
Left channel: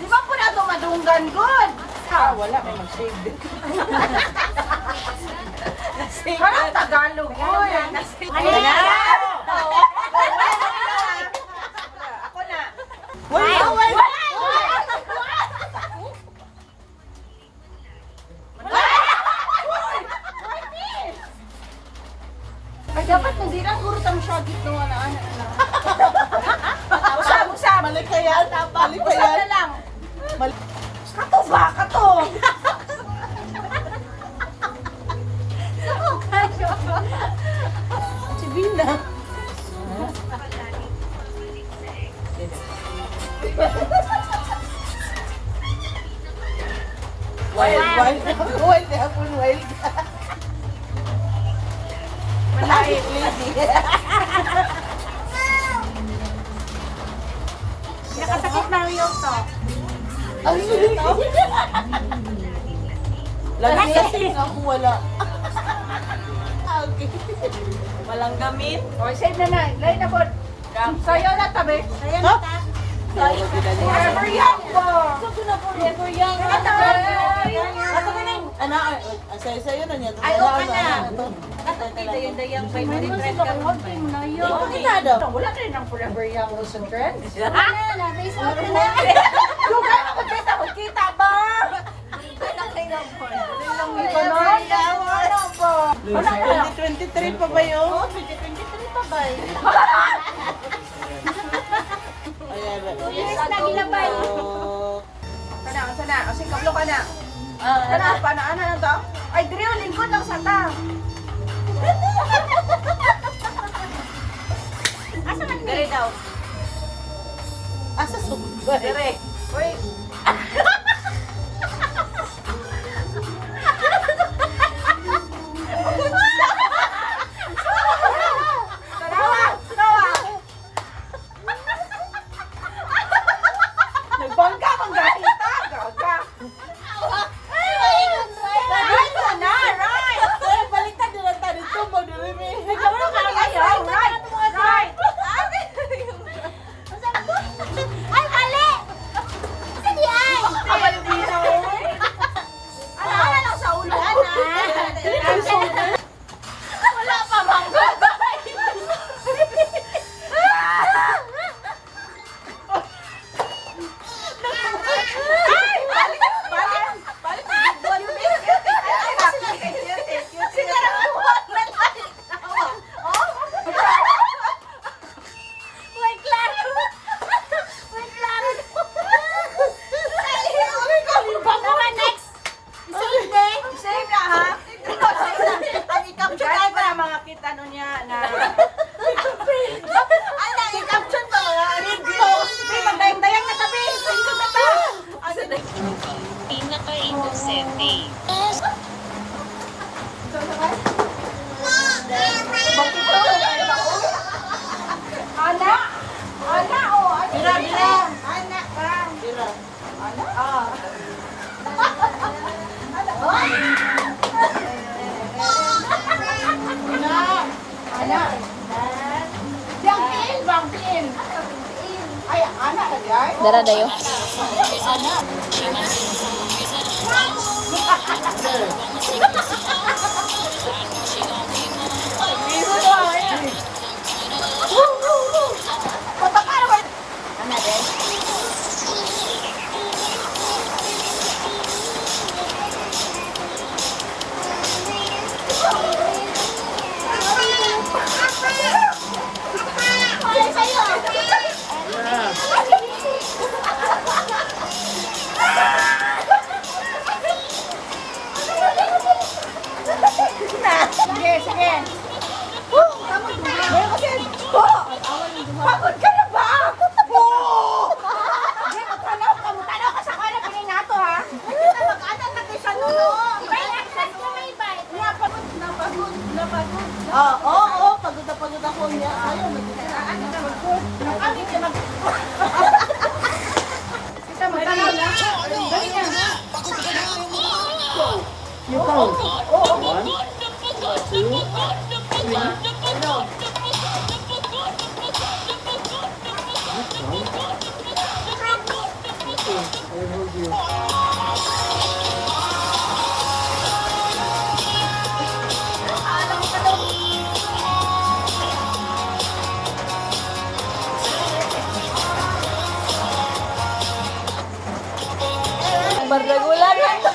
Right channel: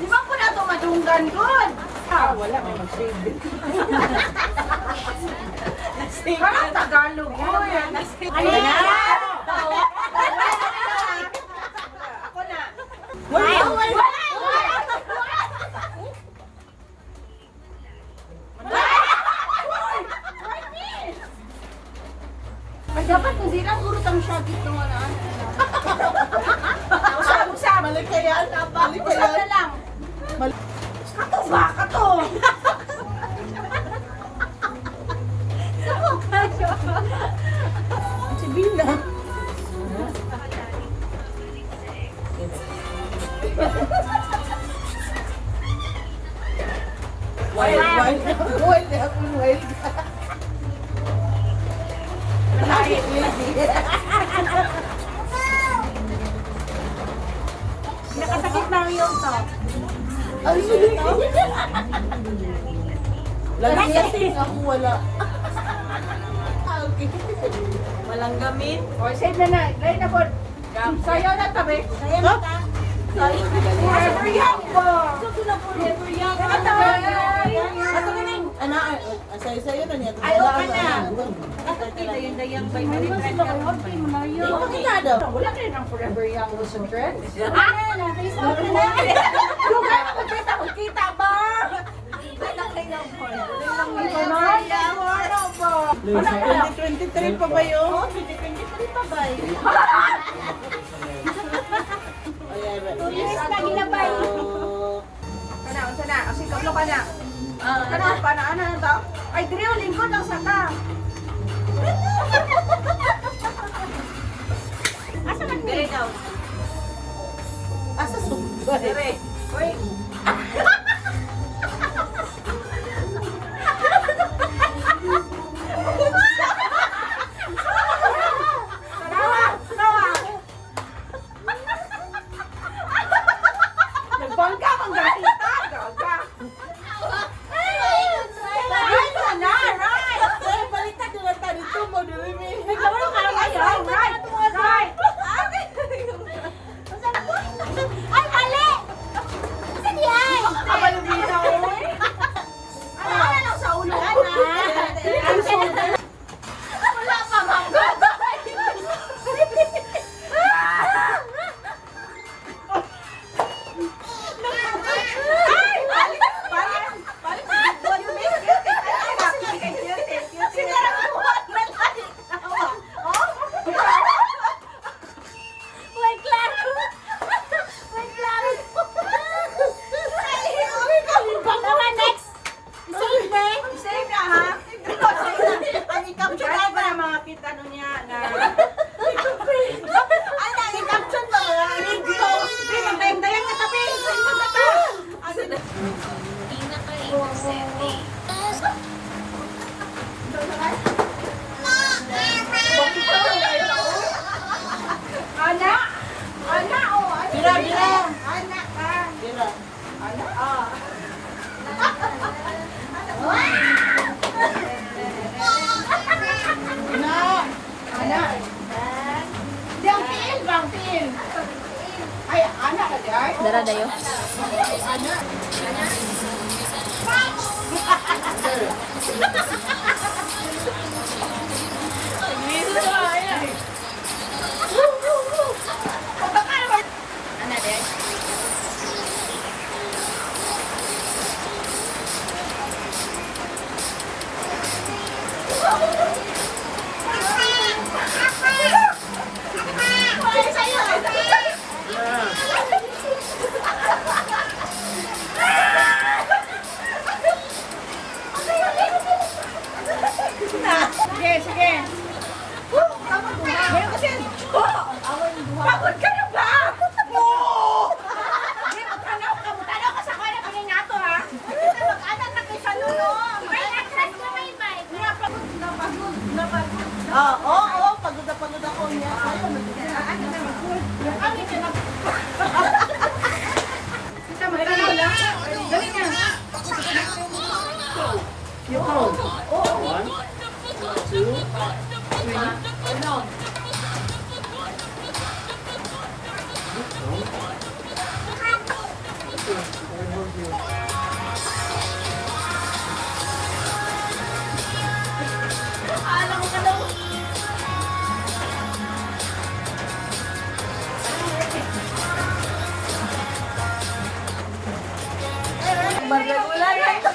Di ba po na ito madunggan good? Wala, may mag-shade. Parang Tagalog. Ako na. Wala! Ay, dapat hindi lang guro tamo siya dito wala na. Usap. Mali pa yan. Mali pa Usap na yan. lang. Mali. Kato ba? Kato! Si Bina. Wild. Wild na ako, wild. Malaki, Nakasakit na yung to. Ang sulit ako. Lasing ako, wala. Okay. Walang gamit. O, save na na. Lain na po. Sayaw na tabi. Sayaw na ta. Forever young po. Forever young. Ana, ang sayo-sayo na niya. Ay, okay na. Nakakita yung dayang by Hindi kita daw. Wala rin ang forever young Rose and Friends. Facebook na. Lugar na magkita ba? Ikaw na. Ano ba? 2023 pa ba yun? Oo, 2023 pa ba? Ayan. 2 years na ginabay. Kana, sana. O, sikaplo ka na. Kana, paano na to? Ay, Drio, lingkod ang sata. Asa man Dire ni? daw. Asa sumba? Dire. Uy. Nagbangka mang ganita. Gaga. Right na, right. Ay, baliktad yung lanta dito. Mag-dumi. Nagkaroon ka na kayo. Right. Right. Ay, mali! Asa di ay? Kabalubina, oy. Ano lang sa ulo? Wala pa, mangga. Wait lang. Wait lang. Tama, next. Save na. Save na ha? Ang i-capture na para mga kita nun niya na... Ano, i-capture ba mga videos? Di, magdayang-dayang na tabi. Ito na ta. Bakit to? Anak! Anak, oh! Bira, bira. Anak ka! Bira. Anak? Ah. Anak! Anak! Bang pin! Ay, anak ka dyan? Dara dayo. Anak! Woo! Pagod ka na ba? Oo! Tanaw ka sa kanya pininato ha? Kita mag-anak na kayo sa nuno. Oo, pagod na pagod ako niya. Ayaw, Ano na mag-good? Nakangit ka mag... Kita mag-anak na. Dali na. Bardagulan na to.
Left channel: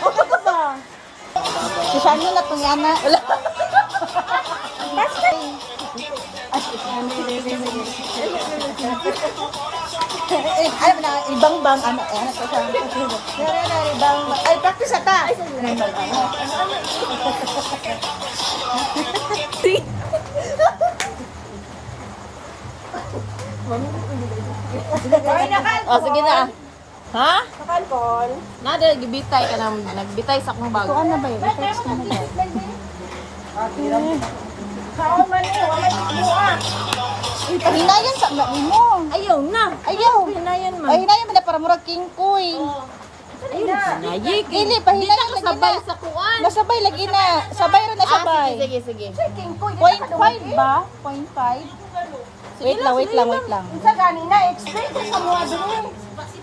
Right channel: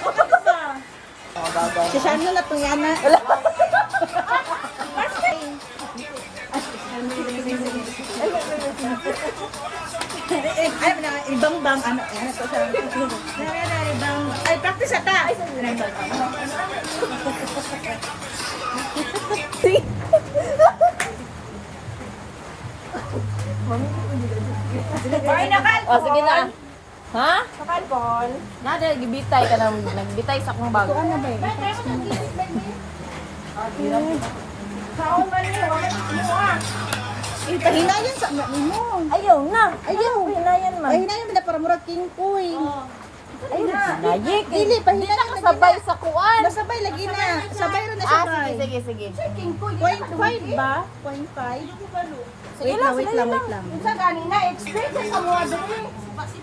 Si Shano na itong yana. Ay, ibang bang, ano ko siya. Ibang bang. Ay, practice ata. Ay, sa ibang bang. Oh, sige na. Ha? Nakalkol. Nada, gibitay ka na. Nagbitay sa akong bag. Ano ba yun? I-text mo na daw. Sao nga niyo? Hinayan sa mga mo. Ayaw na. Ayaw. Hinayan man. Ay, hinayan mo na para murag king koy. Ayaw na. Nayik. Dili, pahinayan lagi Sabay na. sa kuan. Masabay lagi na. Sabay rin na sabay. Sige, sige. 0.5 ba? 0.5? Wait lang. Sa gani na experience sa mga dumi.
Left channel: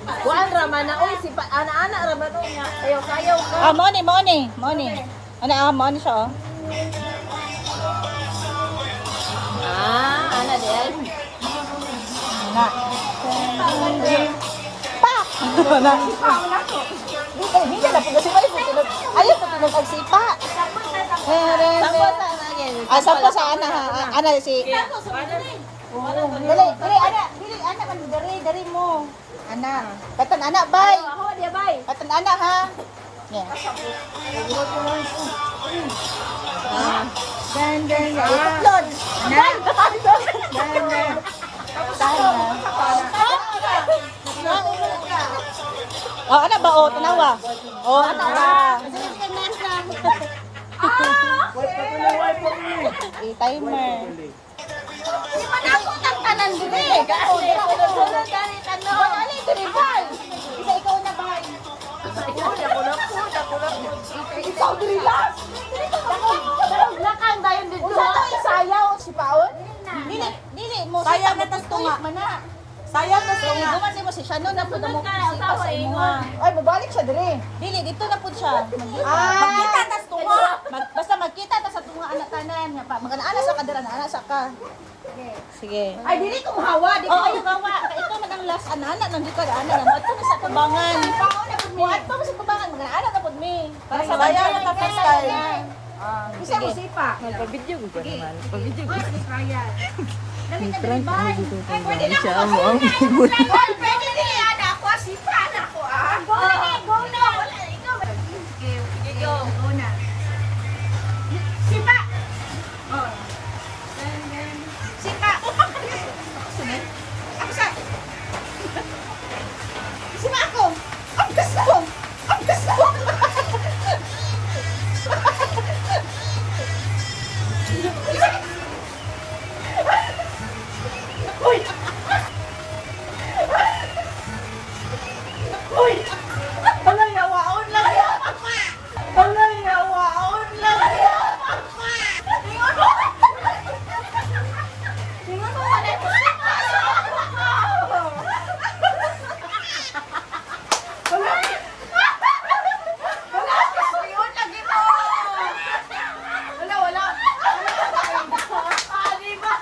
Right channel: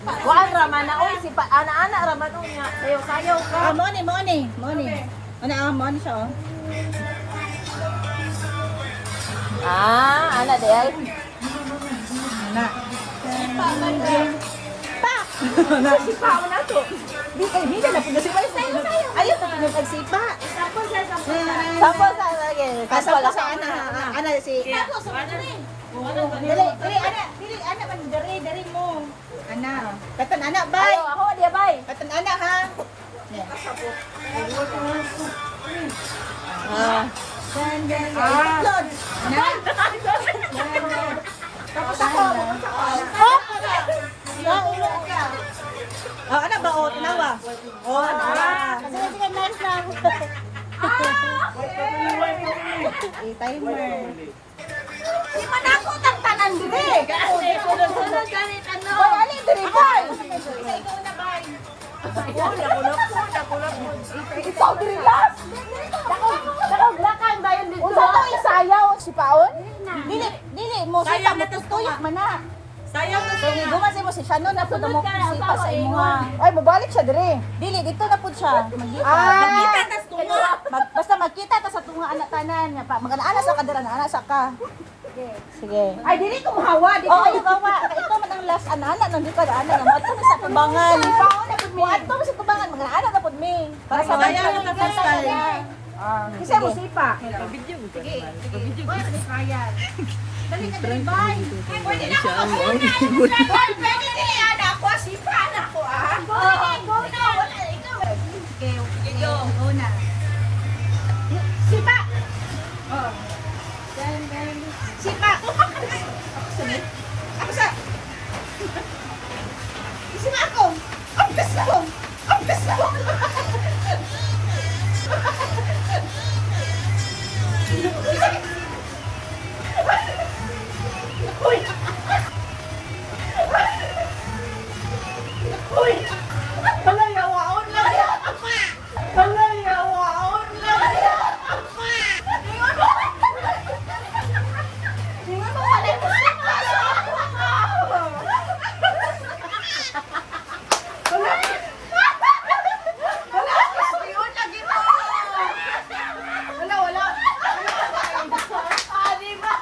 Kuan raman na. Uy, si ana-ana raman o nga. Sayaw-sayaw ka. Ah, mo ni. Mo ni siya, oh. Ana del. Na. Pao na to. Di na po kasi may ayun nagsipa. Tapos sa Tapos sa lagi. Asa sa ana ha. Ana si. Dili, ana man dari mo. Ana. Katan ana bay. Ako dia bay. Katan ana ha. Yeah. Itlod. Tapos ako, bukas ako na. Oh, ana ba o tanawa? Oh, ana. Sige next lang. Timer. Di man ako tagtanan dire. Ako di sunod ganit ano. Ali diri boy. Isa ikaw na bay. Ikaw diri last. Dakog lakan dayon dito. Sayaw si Paon? Dili mo siya mo tuyok man na. Sayaw na Kung gumasin mo si Shannon na pud mo sipa sa imo. Ay mobalik siya diri. Dili dito na pud siya. Magkita tas tunga. Basta magkita ta sa tunga anak tanan nya pa. Magana sa kadira na ana sa ka. Sige. Ay dili ko mahawa, di Oh, ayo gawa. Ikaw man ang last ana nandito ka ana na mo ato sa kubangan. Mo ato sa kubangan magana ana na pud mi. Para sa Ayaw na tapos tayo. Kasi mo sipa. Dali na diri bay. Pwede na ako una. Hoy, pwede dili ana ako sipa na ako ah. Go na. Wala ikaw. Okay, go na. Sipa. Oh. Sipa. Sunod. Ako sa. Sipa ako. Ang gusto ko. Uy! Walang yawaon lang yan! Walang yawaon lang yan! Tingnan mo pala yung sipa sa ako! Wala! Yun, lagi mo! Wala! Ah, di ba?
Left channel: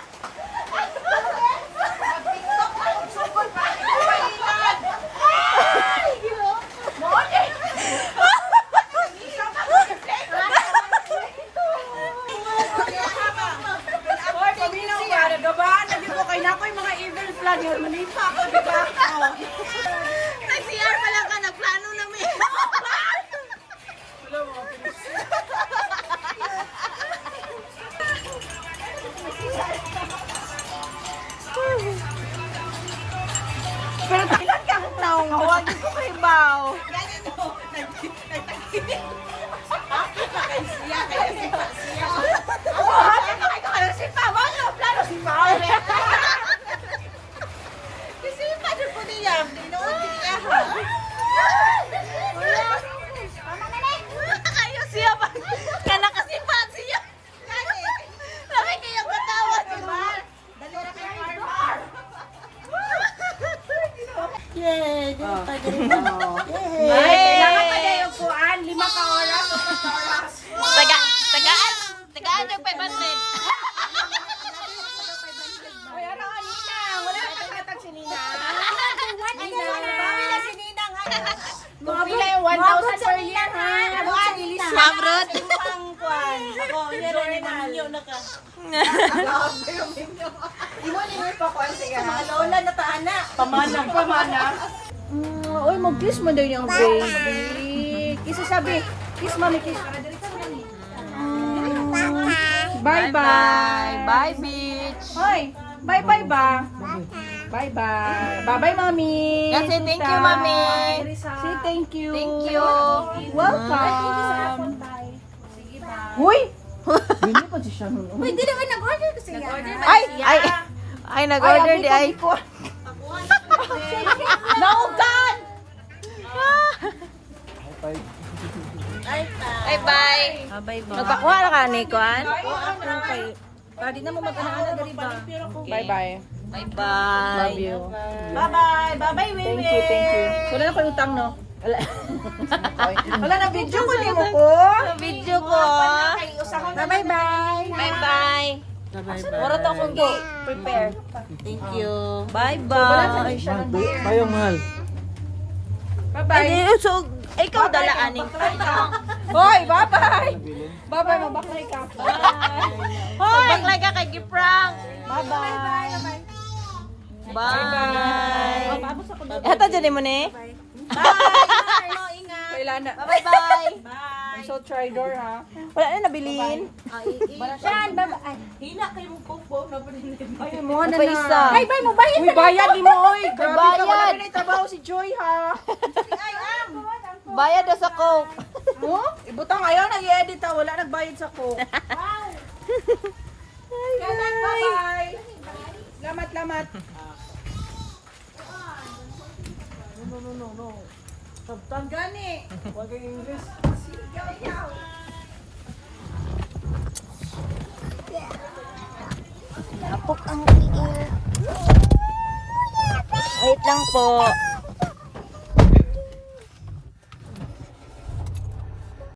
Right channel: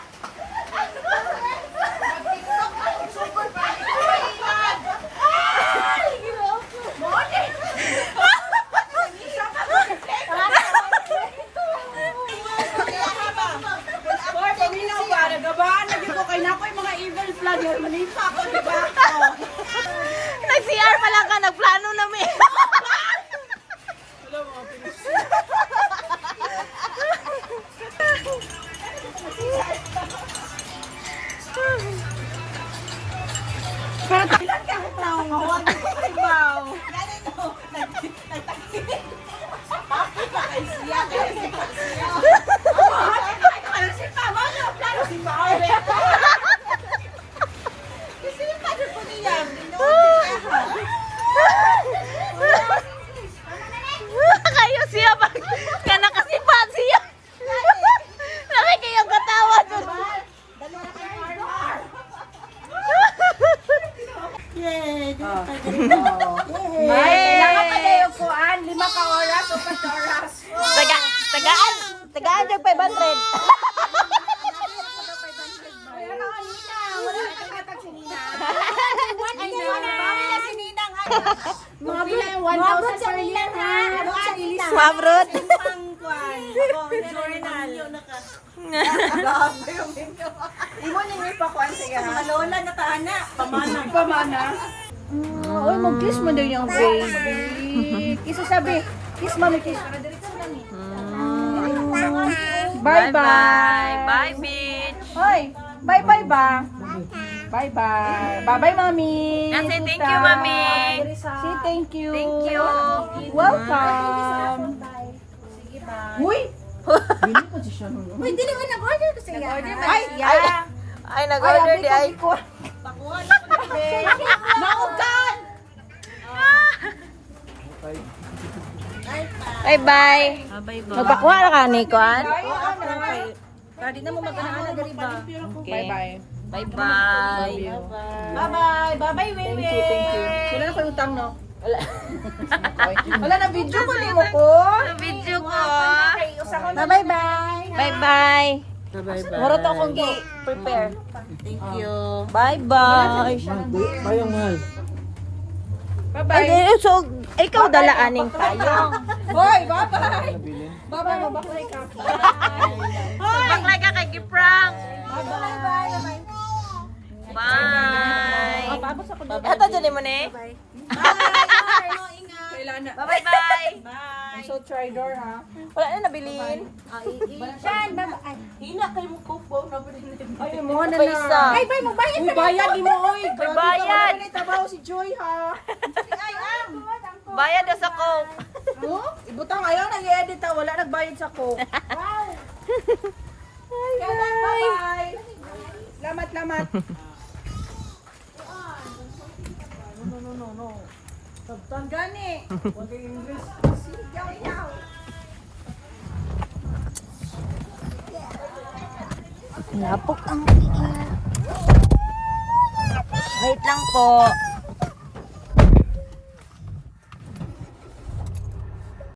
Nag-CR pa lang ka, nagplano na mi. Ilan kang naungawan ko kay Bao? Kayo siya pag nakasipa siya. Laki kayong katawan. Yay! Kuan, 5 ka oras o 4 oras. Tagaan yung 500. Ay, ano, Nina? Wala na kakatag si Nina. Ay, bawi na si Ninang. Mabot sa Nina, ha? Mabot sa Nina. Mabrod. Imo ni mo pa kuan siya, ha? Mga lola na taana. Pamana. Oy, mag-kiss mo daw yung baby. Kiss sabi. Kiss, mami, kiss. Bye-bye. Bye, beach. Hoy, bye-bye ba? Bye-bye. Bye-bye, mami. Say thank you, Tita. mami. Say thank you. Thank you. Welcome. Uy! Bini pa siya. Uy, di naman nag-order ko siya. Ay! Ay, Ay, abi ko, di ko. Naugan! Ay, bye. Magpakuha na ka, Nikon. Tadi na mo mag-ana-ana diri ba? Bye-bye. Bye-bye. Love you. Bye-bye. Bye-bye, Thank you, thank you. Wala na pagutang, no? Wala na video ko, di mo ko. Video ko. Bye-bye. Bye-bye. Mura to akong prepare. Thank you. Bye-bye. Payong mahal. Bye-bye. Ay, so, ikaw dalaanin tayo. Hoy, bye-bye. Bye-bye, mabakay ka. Baklay ka kay Giprank. Bye-bye. Bye. Tapos ako doon. Ito dyan mo ni. Kailan na. Bye-bye. I'm so try-door, ha? Wala na nabili. Saan ba? Ay, Hina kayo magpupo na pinili. Ay, mo na na. ay, bay mo, bayad Uy, bayad di mo, oy. Grabe ka, wala ka na itabaho si Joy, ha? Bayad ka sa coke. Mo? Ibutang ayaw nag-edit, ha? Wala nagbayad sa coke. Bye-bye. Lamat. No. Sabtan gani. Huwag yung English. Sigaw. Napok ang tiil. Wait lang po.